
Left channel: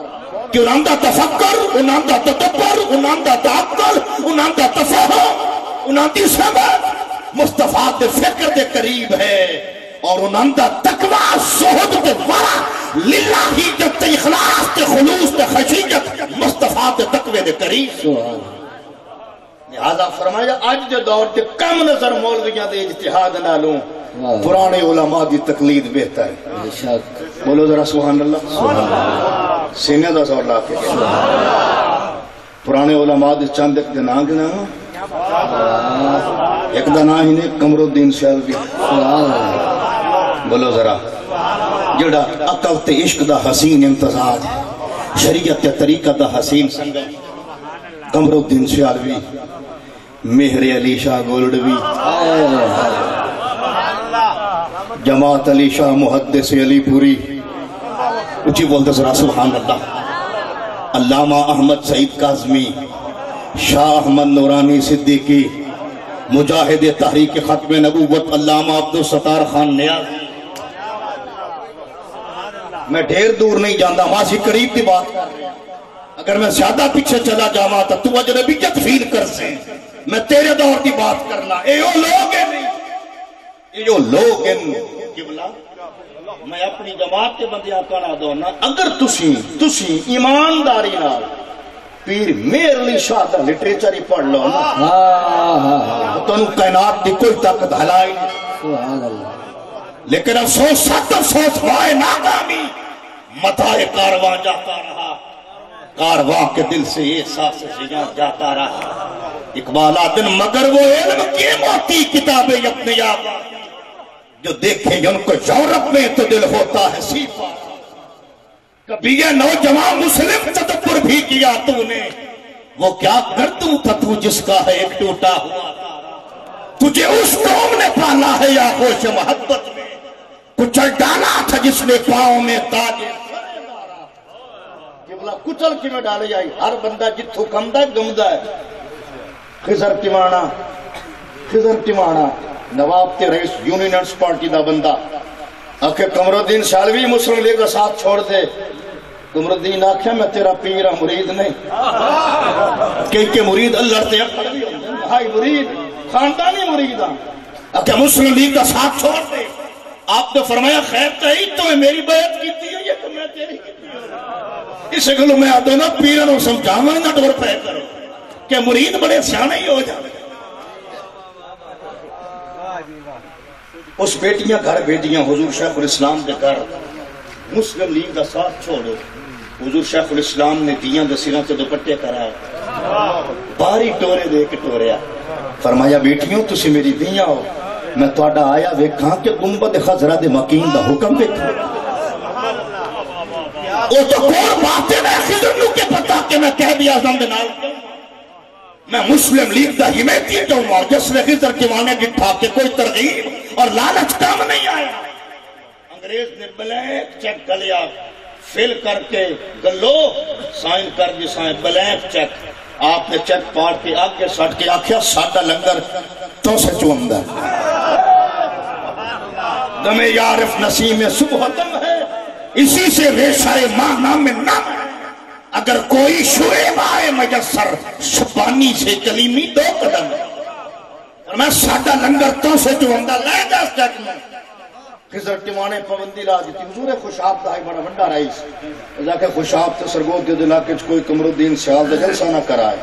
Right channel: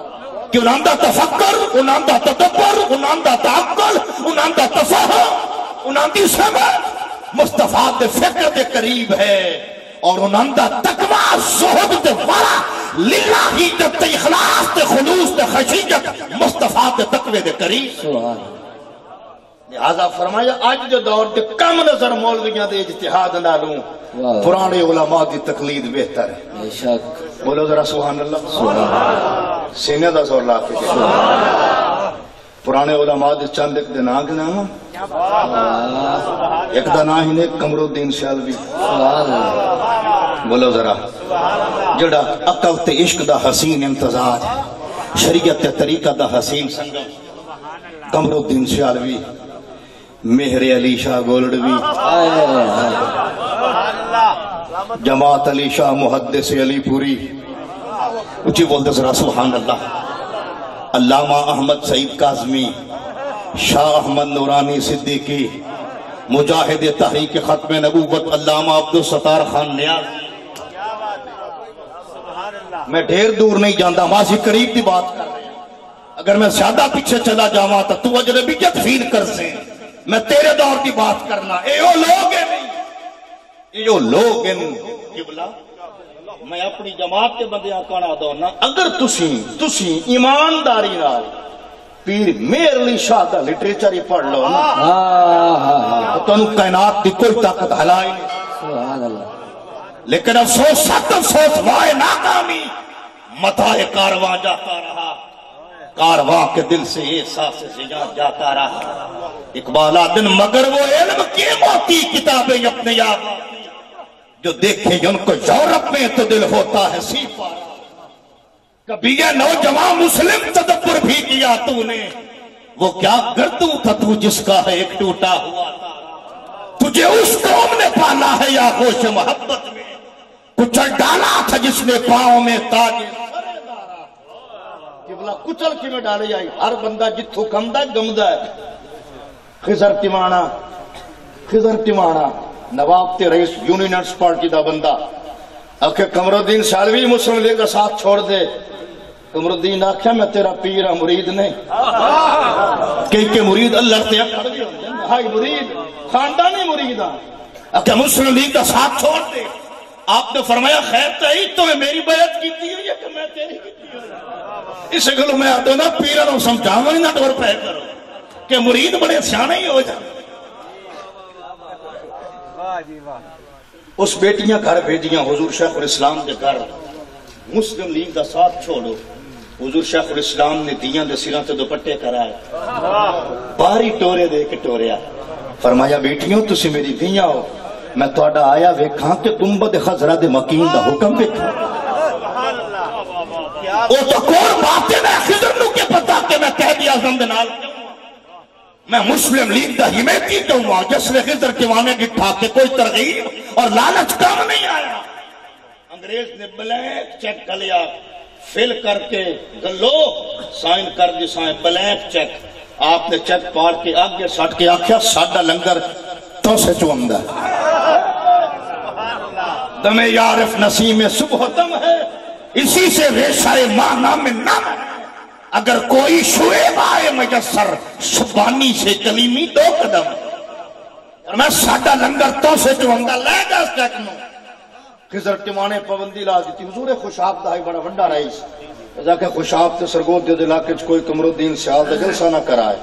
کہ انہاں دا تفکر، انہاں دا تدبر، انہاں دا تعقل، انہاں دا تفاہم، انہاں دی سمجھ مصطفیٰ دے فکر دے قریب ہے، اور انہاں دا تقوی زہد دے ورع للہی تے اخلاص تے خلوص تے خشیت مصطفیٰ دے تقوی دے قریب۔ لہذا فرمایا آج دے دور دے کم نظر مولویاں دے اجتہاد نالوں پرانے علماء دی تقلید بہتر ہے۔ بولو ذرا سبحان اللہ، سینے دا زور لا کے پرانے علماء دے چند ایک دن آنگ نا، ایک دن آہی نے قمر الدین سیالوی، بولو ذرا، جڑا عقل تے عشق دا حسین امتزاج، شریعت تے طریقہ دا حسین سنگم، قمر الدین سیالوی، مہر علی شاہ گولڈوی، جماعت علی شاہ محدث علی پوری، اچھی بولتے ذرا سبحان اللہ، علامہ احمد سعید کاظمی، شاہ احمد نورانی صدیقی، مجاہد تحریک ختم نبوت علامہ عبدالستار خان نیاز۔ میں ڈھیر دور نہیں جانتا، ماسی قریب کی بات کر رہے ہیں، اگر میں زیادہ پیچھے چلا جاواں تو اجنبیت فیل کر سے، میں تیرے دور کی بات کرنا، اے او لوگ ہیں نہیں، اے او لوگ ہیں قبلہ، میں اپنی جماعت کے بندیاں کہنا دونا، اگر تسی ایمانداری نال پیر مہر علی شاہ دا لٹریچر ہی پڑھ لو تو انہوں کائنات کی کوئی طاقت ہلائی نہیں، لیکن افسوس سخت افسوس وائے ناکامی، متائے کارواں جاتا رہا، کارواں کے دل سے احساس زیاں جاتا رہا۔ اقبال آدن مگر وہ علم کی موتی کتابیں اپنے یاد جو دیکھیں ان کو یورپ میں تو دل ہوتا ہے سیپا، کبھی یہ نوجوان مسلم تدبر بھی کیا تو نے، وہ کیا گردوں تھا تو جس کا ہے ایک ٹوٹا ہوا تارا، تجھے اس قوم نے پالا ہے یا خوش محبت میں، کچل ڈالا تھا جس نے پاؤں میں تاج سرے دارا، کہ بلا کچل کی میں ڈالے جائی، ہر بندہ جتھو کمدہ گمدہ ہے۔ خضر تیمانا نواب تے رئیس یونینٹس پارٹی دا بندہ آکھے قمر الدین سیالوی مسلم لیگ کا ساتھ چھوڑ دے، قمر الدین آکھے میں تیرا پیرا مرید نہیں، کہ مرید اللہ تے اکھڑ بھی ہوندے، ہائی مرید خاندانی مرید آکھے مسلم لیگ کا ساتھ چھوڑ دے۔ آپ نے فرمایا خیر تہی تو میں میری بیعت کیتی ہے یا کہ میں تیری کیتی ہے، اسے گلو میں آدھو نا پیرا نو سمجھاؤں ہی نہ ڈور پہ کرو کہ مرید بڑے سیانے ہی ہو جائے۔ اس بیٹیاں گھر بھیجیاں حضور شیخ الاسلام دے گھر، مسلم لیگ دا ساتھ چھوڑو، حضور شیخ الاسلام نے دیاں دے سروں تے دوپٹے کرائے، باری ٹورے دے کے ٹوریا، فرمایا بیٹیوں تسی میری دیاں ہو، میں توڑا آیا ویکھاں کہ گنبد خضرہ دے مکین دا حکم ویکھاں، او تو کون باتیں میں خضر نو کے پتا کہ میں قائد اعظم دے نال میں مسلم لیگ دا حمایتی ہوں گا، جس نے خضر کے وانے گٹھا کے کوئی ترغیب اور لالچ کام نہیں آیا۔ انگریز نے بلینک چیک کر لیا، فل کر کے گلو سائن کر دی، سائن بلینک چیک، آپ نے چیک پار کے آگے ساٹھ کے آکھیا ساڑھا لنگر تو سے چوندہ، دم یارف نسیم صبح دم ہے، اسی سے ریشہ مانا میں نام ہے، اگر کوئی شعیب آئے مجسر شبانی سے کلیمی دو قدم، اور میں ساڑھا لنگر تو سے چوندہ لے جا اس چیک میں۔ خضر ٹیوانے پابندی لا دیتی، حضور خوشاب دا ہی بڑا ونڈا رئیس، ازا کہ خوشاب تے سرگود دے علاقے کوئی قمر الدین سیال دے جلسہ نہ کرائے،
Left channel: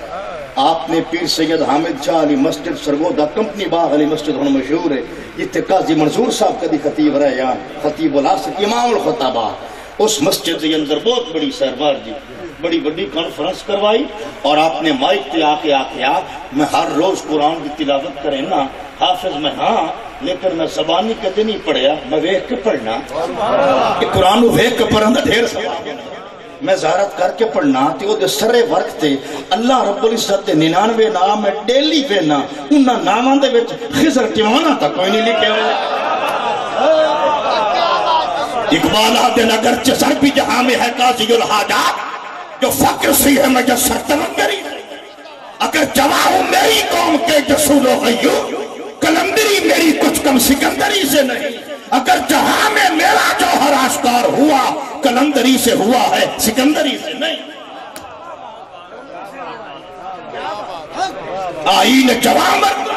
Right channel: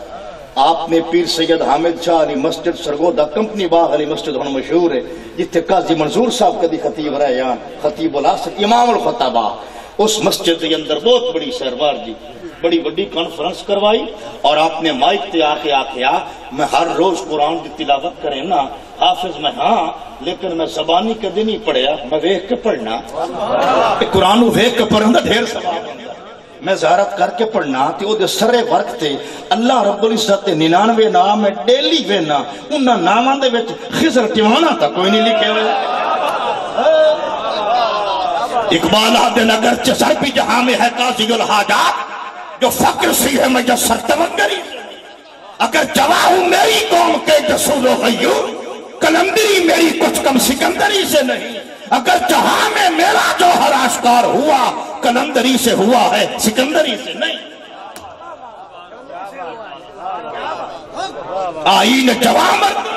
آپ نے پیر سید حامد شاہ علی مسجد سرگودا کمپنی باغ علی مسجد ہن مشہور ہے جتھے قاضی منظور صاحب کدی خطیب رہے ہیں، خطیب العصر امام الخطباء، اس مسجد کے اندر بہت بڑی سربار جی بڑی بڑی کانفرنس کروائی اور آپ نے مائک تے آکھیا میں ہر روز قرآن کی تلاوت کریں نا حافظ میں ہاں لیکن میں زبانی کدی نہیں پڑھیا میں ویکھ کے پڑھنا قرآن کو ویکھ کے پڑھنا ڈھیر ثواب ہے میں زیارت کر کے پڑھنا تے او دے سرے ورک تے اللہ رب العزت 99 نام ہے ڈیلی وینا انہاں ناماں دے وچ خضر ٹیوانا تک کوئی نہیں لکھے ہوئے اقبال آدن اگرچہ سر بھی جہاں میں ہے قاضی الحاجات جو فقر سی ہے مجسر توگری اگر جواہوں میری قوم کے جسول و غیور کلندری میری کچھ کم سکندری سے نہیں اگر جہاں میں میرا جوہر آشکار ہوا کلندری سے ہوا ہے سکندری سے نہیں آئین جوامت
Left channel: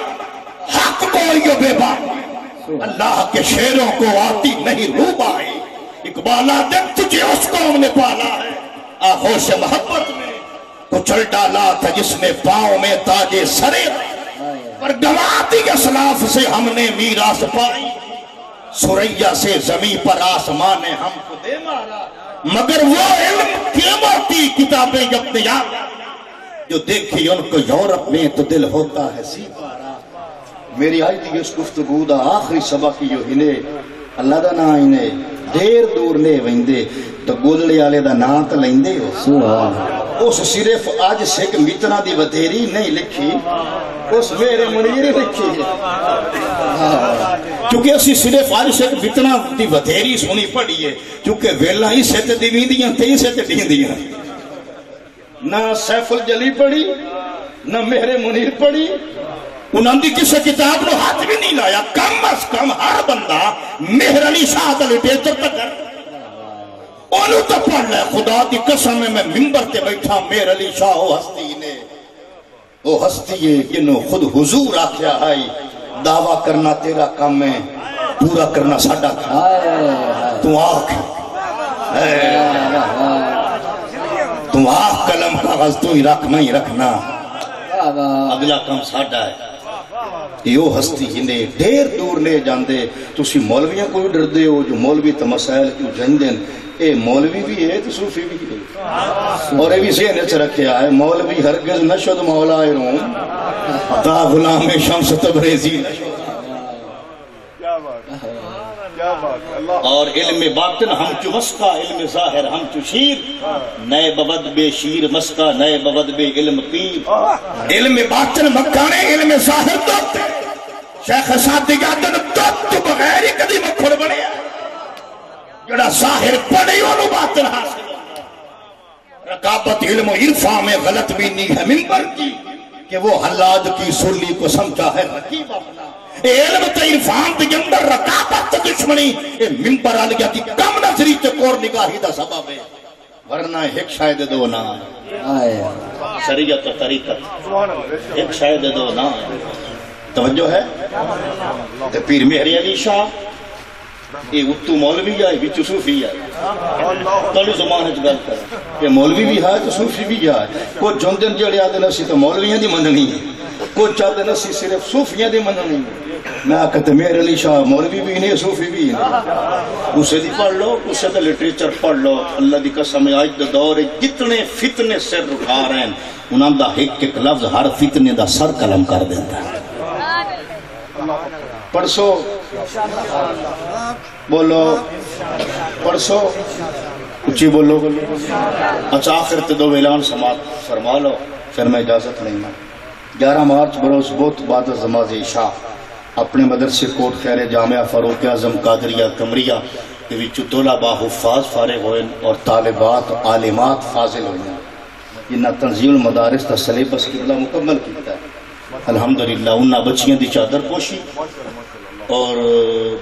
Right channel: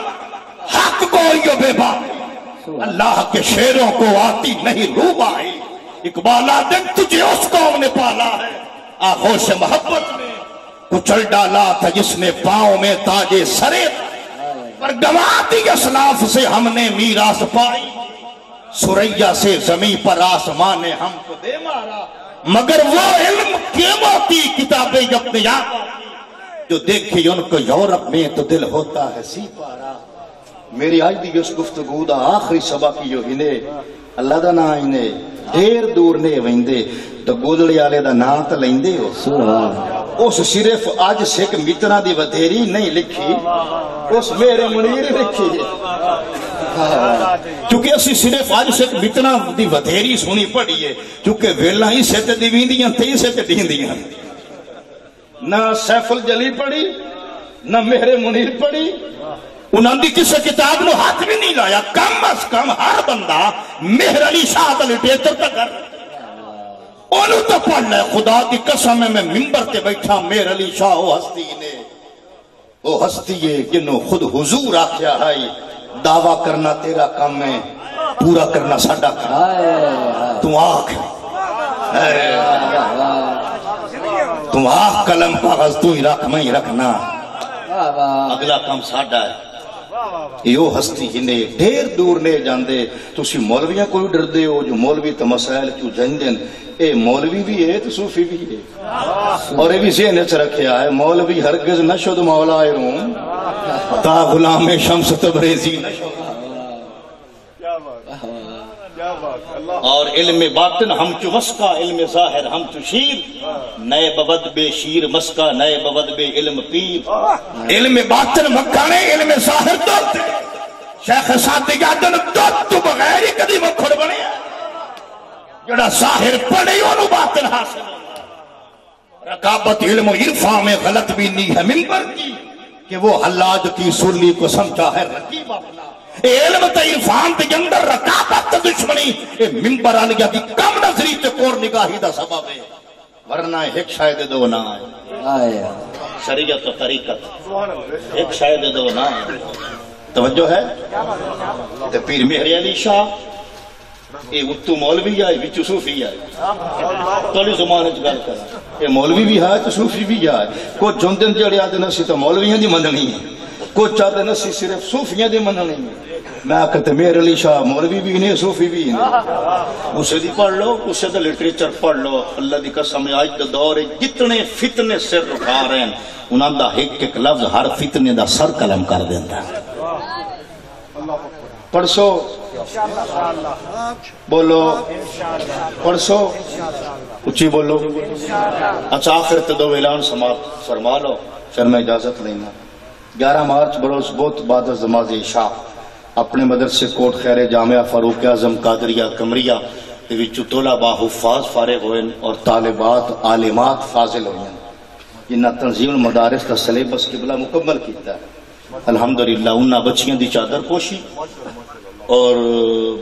حق گوئی و بے بات اللہ کے شیروں کو آتی نہیں روبائی اقبال آدم تجھے اس قوم نے پالا ہے آغوش محبت میں کچل ڈالا تھا جس نے پاؤں میں تاجے سرے پر گواتی اسلاف سے ہم نے میراث پائی سریا سے زمین پر آسمان نے ہم کو دے مارا مگر وہ علم قیمتی کتابیں اپنے جو دیکھی ان کو یورپ میں تو دل ہوتا ہے سی پارا میری آج دی اس گفتگو دا آخری سبق جو انہیں اللہ دا نا انہیں دیر دور نے ویندے تو گودلی آلے دا نا تا لیندے ہو اس صرف آج سیک میتنا دی وطیری نہیں لکھی اس میرے منیر لکھی چونکہ اسی صرف آج سیک میتنا دی وطیری سنی پڑی ہے چونکہ ویلہ ہی سیتے دیوین دیاں تے ہی سیتے دین دیاں نہ سیف الجلی پڑی نہ میرے منیر پڑی انہوں نے کسی کتاب نو ہاتھ بھی نہیں لایا کم از کم ہر بندہ مہر علی شاہ دا لٹیٹر تک کر انہوں تو پڑھ لے خدا کی قسم میں ممبر تے بیٹھا مہر علی شاہ وہ ہستی نے وہ ہستی ہے جنہوں خود حضور آکھیا ہے دعویٰ کرنا تیرا کام ہے پورا کرنا ساڑھا کام تو آکھ تو آکھ قلم کاغذ تو ہی رکھ میں ہی رکھنا اگلا کام ساڑھا ہے یہ ہستی ہنے ڈھیر دور نے جاندے تو اسی مولویاں کوئی ڈر دے ہو جو مولوی تو مسائل کیوں جائندیں اے مولوی بھی ہے تو صوفی بھی ہے اور اے بھی ذہن اچھ رکھیا ہے مولوی ہرگز نشد مولا روم تا غلام شمس تبریزی نشد اور علم باطن ہم چو مسکا علم ظاہر ہم چو شیر نئے بود بے شیر مسکا نئے بود بے علم پیر علم باطن مکانے علم ظاہر دوت شیخ صادق آدن دوت تو بغیر ہی کدی مکھڑ بنے جڑا ظاہر پڑے انہوں باطن حاصل رقابت علم و عرفان میں غلط بھی نہیں ہے ممبر کی کہ وہ حلاج کی سرلی کو سمجھا ہے رقیب اپنا اے علم تا عرفان تے اندر رقابت دشمنی اے ممبر آلگیا دی کم نظری چکور نگاہی دا سبب ہے ورنہ ایک شاید دو نا ہے شریعت و طریقت ایک شاید دو نا ہے توجہ ہے تے پیر مہر علی شاہ اے اتو مولوی آئے بھی صوفی آئے کلی زمانے چ گل کریں اے مولوی بھی ہے تو صوفی بھی آئے کو جندن جڑے آدھے نسی تو مولویاں دی مننی ہے کو چاہتے نسی صرف صوفیاں دی مننی ہے میں آکھتے مہر علی شاہ مولوی بھی نہیں صوفی بھی نہیں اسے دی پڑھ لو اسے دی لٹریچر پڑھ لو اللہ دی قسم آج دا دور جتنے فتنے سر رکھا رہے ہیں انہاں دا ایک لفظ ہر فتنے دا سر قلم کر دیتا ہے پڑھسو بولو پڑھسو اچھی بولو اچھا آخر تے دو اعلان فرما لو پھر میں اجازت نہیں میں 11 مارچ بروز بہت بعد از نماز عشاء اپنے مدرسے کوٹ خیر جامعہ فاروق اعظم قادریہ کمریہ کے وچ طلباء حفاظ فارغ ہوئے اور طالبات عالمات فاضل ہوئے انہاں تنظیم المدارس کا سلیبس قبلہ مکمل کیتا ہے الحمدللہ انہاں بچیاں دی چادر پوشی اور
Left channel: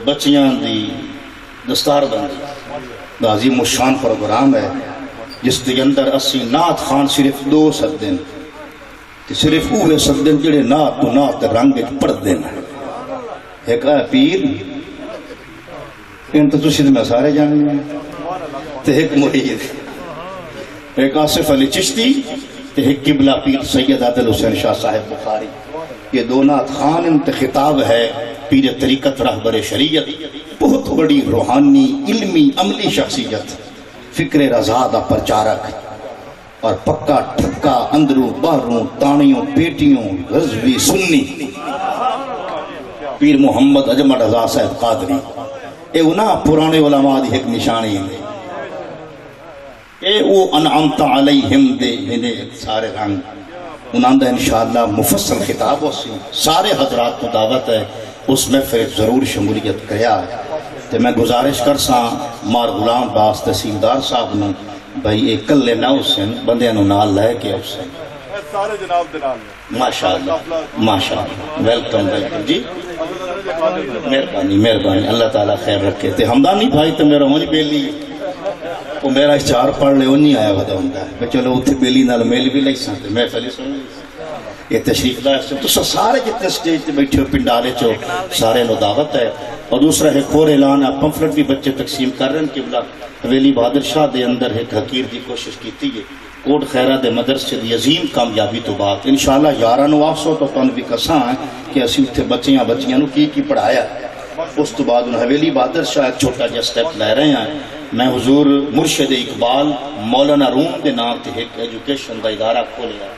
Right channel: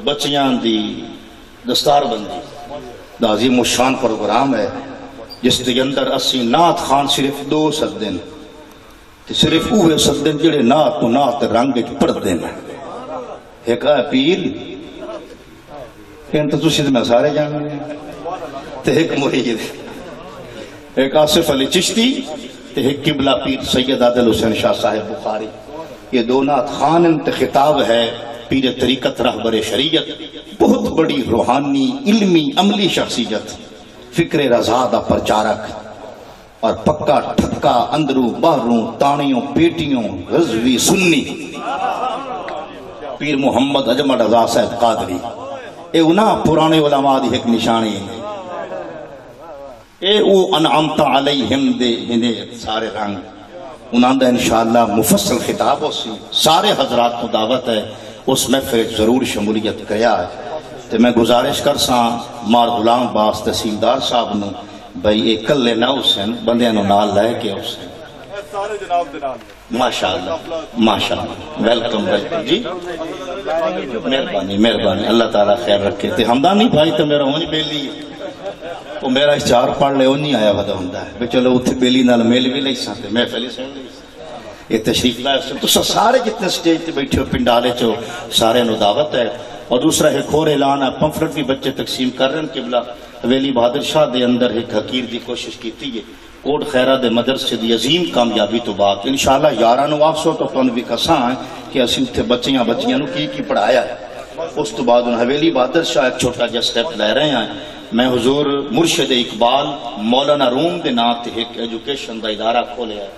بچیاں دی دستار بندی عظیم الشان پروگرام ہے جس کے اندر اسی نعت خان صرف 2 سدن صرف اوہ سدن جڑے نعت تو نعت رنگ پڑھ دینا ایک ہے پیر ان تو تشید میں سارے جانے تو ایک مرید ایک آصف علی چشتی تے ایک قبلہ پیر سید عادل حسین شاہ صاحب بخاری. یہ دو نعت خان انت خطاب ہے پیر طریقت رہبر شریعت، بہت بڑی روحانی علمی عملی شخصیت، فکر رضا دا پرچارک اور پکا ٹھکا اندروں باہروں تانیوں پیٹیوں غزوی سنی پیر محمد اجمل رضا صاحب قادری. اے انہاں پرانے علماء دی ایک نشانی ہے. اے او انعمت علیہم دے سارے رنگ انہاں دا انشاءاللہ مفصل خطاب ہو سی. سارے حضرات کو دعوت ہے اس محفل ضرور شمولیت کریا ہے. تے میں گزارش کرساں مار غلام باس تحصیلدار صاحب نے بھئی ایک کلے نہ حسین بندیاں نو نال لے کے حسین سارے جناب دنال میں ماشاءاللہ ماشاءاللہ ویلکم ویلکم جی مہربانی مہربانی اللہ تعالیٰ خیر رکھے. تے ہمدانی بھائی تو میرا ہونج بیلی وہ میرا اشتہار پڑھ لے وہ نہیں آیا ودا ہوندا ہے بے چلو اتھے بیلی نال میل بھی لئی سانتے میں پہلے سن لی یہ تشریف لائے سے تو سارے جتنے سٹیج تے بیٹھے ہو پنڈالے چو سارے نو دعوت ہے. اور دوسرا ایک اور اعلان ہے پمفلٹ بھی بچے تقسیم کر رہے ہیں قبلہ حویلی بہادر شاہ دے اندر ایک حقیر دی کوشش کیتی ہے کوٹ خیرہ دے مدرسے دی عظیم کامیابی تو بات انشاءاللہ 11 نو آسو تو تن بھی کساں ہے کہ اسی اتھے بچیاں نو کی پڑھایا ہے. اس تو بعد انہوں حویلی بہادر شاہ ایک چھوٹا جا سٹیپ لے رہے ہیں. میں حضور مرشد اقبال مولانا روم دے نام تے ایک ایجوکیشن دا ادارہ کھولے ہے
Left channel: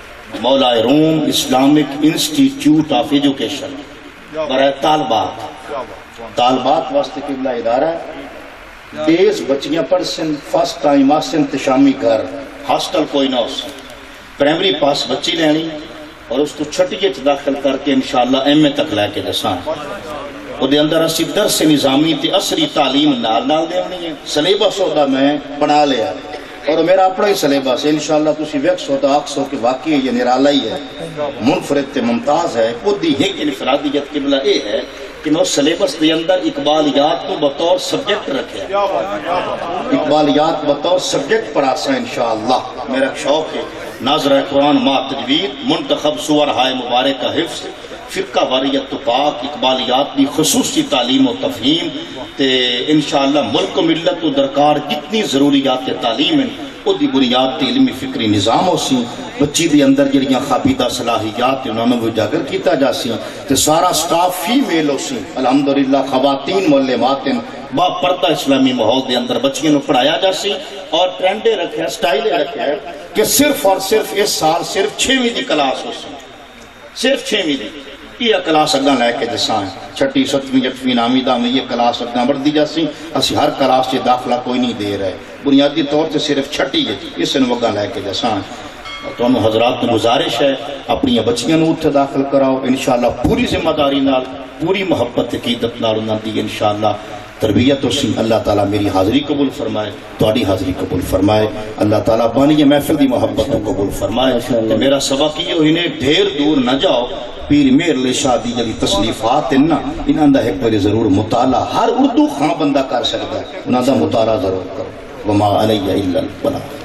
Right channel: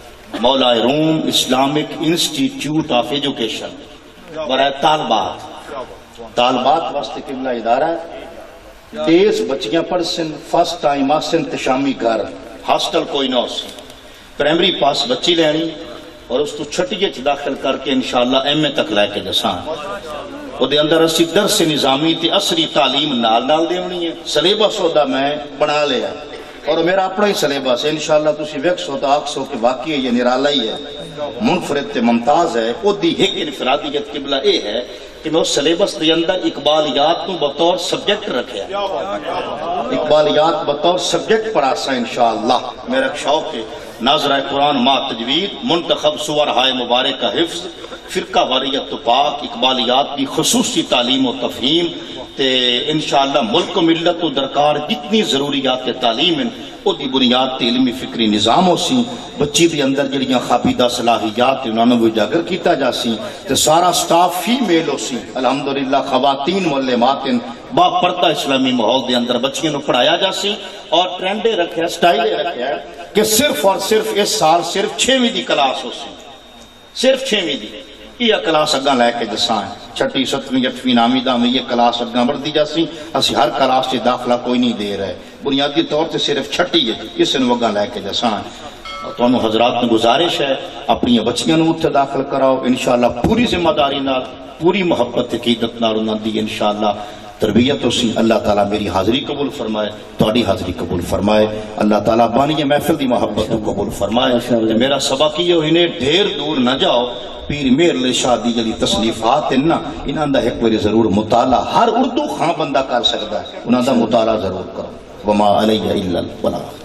مولا روم اسلامک انسٹیٹیوٹ آف ایجوکیشن برائے طالبات واسطے قبلہ ادارہ ہے. 30 بچیاں پڑھسن فرسٹ ٹائم آسن تشامی گھر ہاسٹل کوئی نہ ہو پرائمری پاس بچی لینی اور اس تو چھٹیے چھ داخل کر کے انشاءاللہ ایم اے تک لے کے جسان وہ دے اندر اسی درس نظامی تے عصری تعلیم نال دے ہونی ہے. سلیبس ہوتا میں بنا لیا اور میرا اپنا ہی سلیبس ہے انشاءاللہ تسی ویکس ہوتا آکس ہو کہ واقعی یہ نرالا ہی ہے منفرد تے ممتاز ہے. وہ دی ایک انفرادیت قبلہ اے ہے کہ میں اس سلیبس دے اندر اقبالیات کو بطور سبجیکٹ رکھے اقبالیات بطور سبجیکٹ پڑھا سا انشاءاللہ. میرا شوق ہے ناظرہ قرآن ما تجوید منتخب سور ہائے مبارک کا حفظ فرقہ واریت تو پاک اقبالیات کی خصوصی تعلیم و تفہیم تے انشاءاللہ ملک و ملت و درکار جتنی ضروریات تعلیم ہیں وہ دی بنیاد تے علمی فکری نظام ہو سی. بچی دے اندر جڑیاں خابیدہ صلاحیات انہوں نے اجاگر کیتا جا سی تے سارا سٹاف فیمیل ہو سی الحمدللہ خواتین معلمات با پردہ اسلامی ماحول دے اندر بچیاں نو پڑھایا جا سی. اور ٹرینڈے رکھے سٹائلے رکھے کہ صرف اور صرف اس سال صرف 6ویں دی کلاس ہو سی صرف 6ویں دی یہ کلاس اگاں لے کے جساں چھٹی 7ویں 8ویں 9ویں 10ویں یہ کلاس اگاں بڑھ دی جاسی. اسی ہر کلاس سے داخلہ کوئی نہیں دے رہے بنیادی طور سے صرف چھٹی ہے اس نے اگاں لے کے جساں. تو انہوں حضرات نے گزارش ہے اپنی بچیاں نو اتھے داخل کراؤ انشاءاللہ پوری ذمہ داری نال پوری محبت عقیدت نال انہاں دی انشاءاللہ تربیت اسی. اللہ تعالیٰ میری حاضری قبول فرمائے تہاڈی حاضری قبول فرمائے. اللہ تعالیٰ بانی محفل دی محبت کو قبول فرمائے. میرا سبق یہ انہیں ڈھیر دور نہ جاؤ پیر میر علی شاہ دی جلی تصنیفات انہاں دا ایک بڑی ضرور مطالعہ ہر اردو خاں بندہ کر سکتا ہے انہاں دا مطالعہ ضرور کرو. وما علیہ الا البلاغ.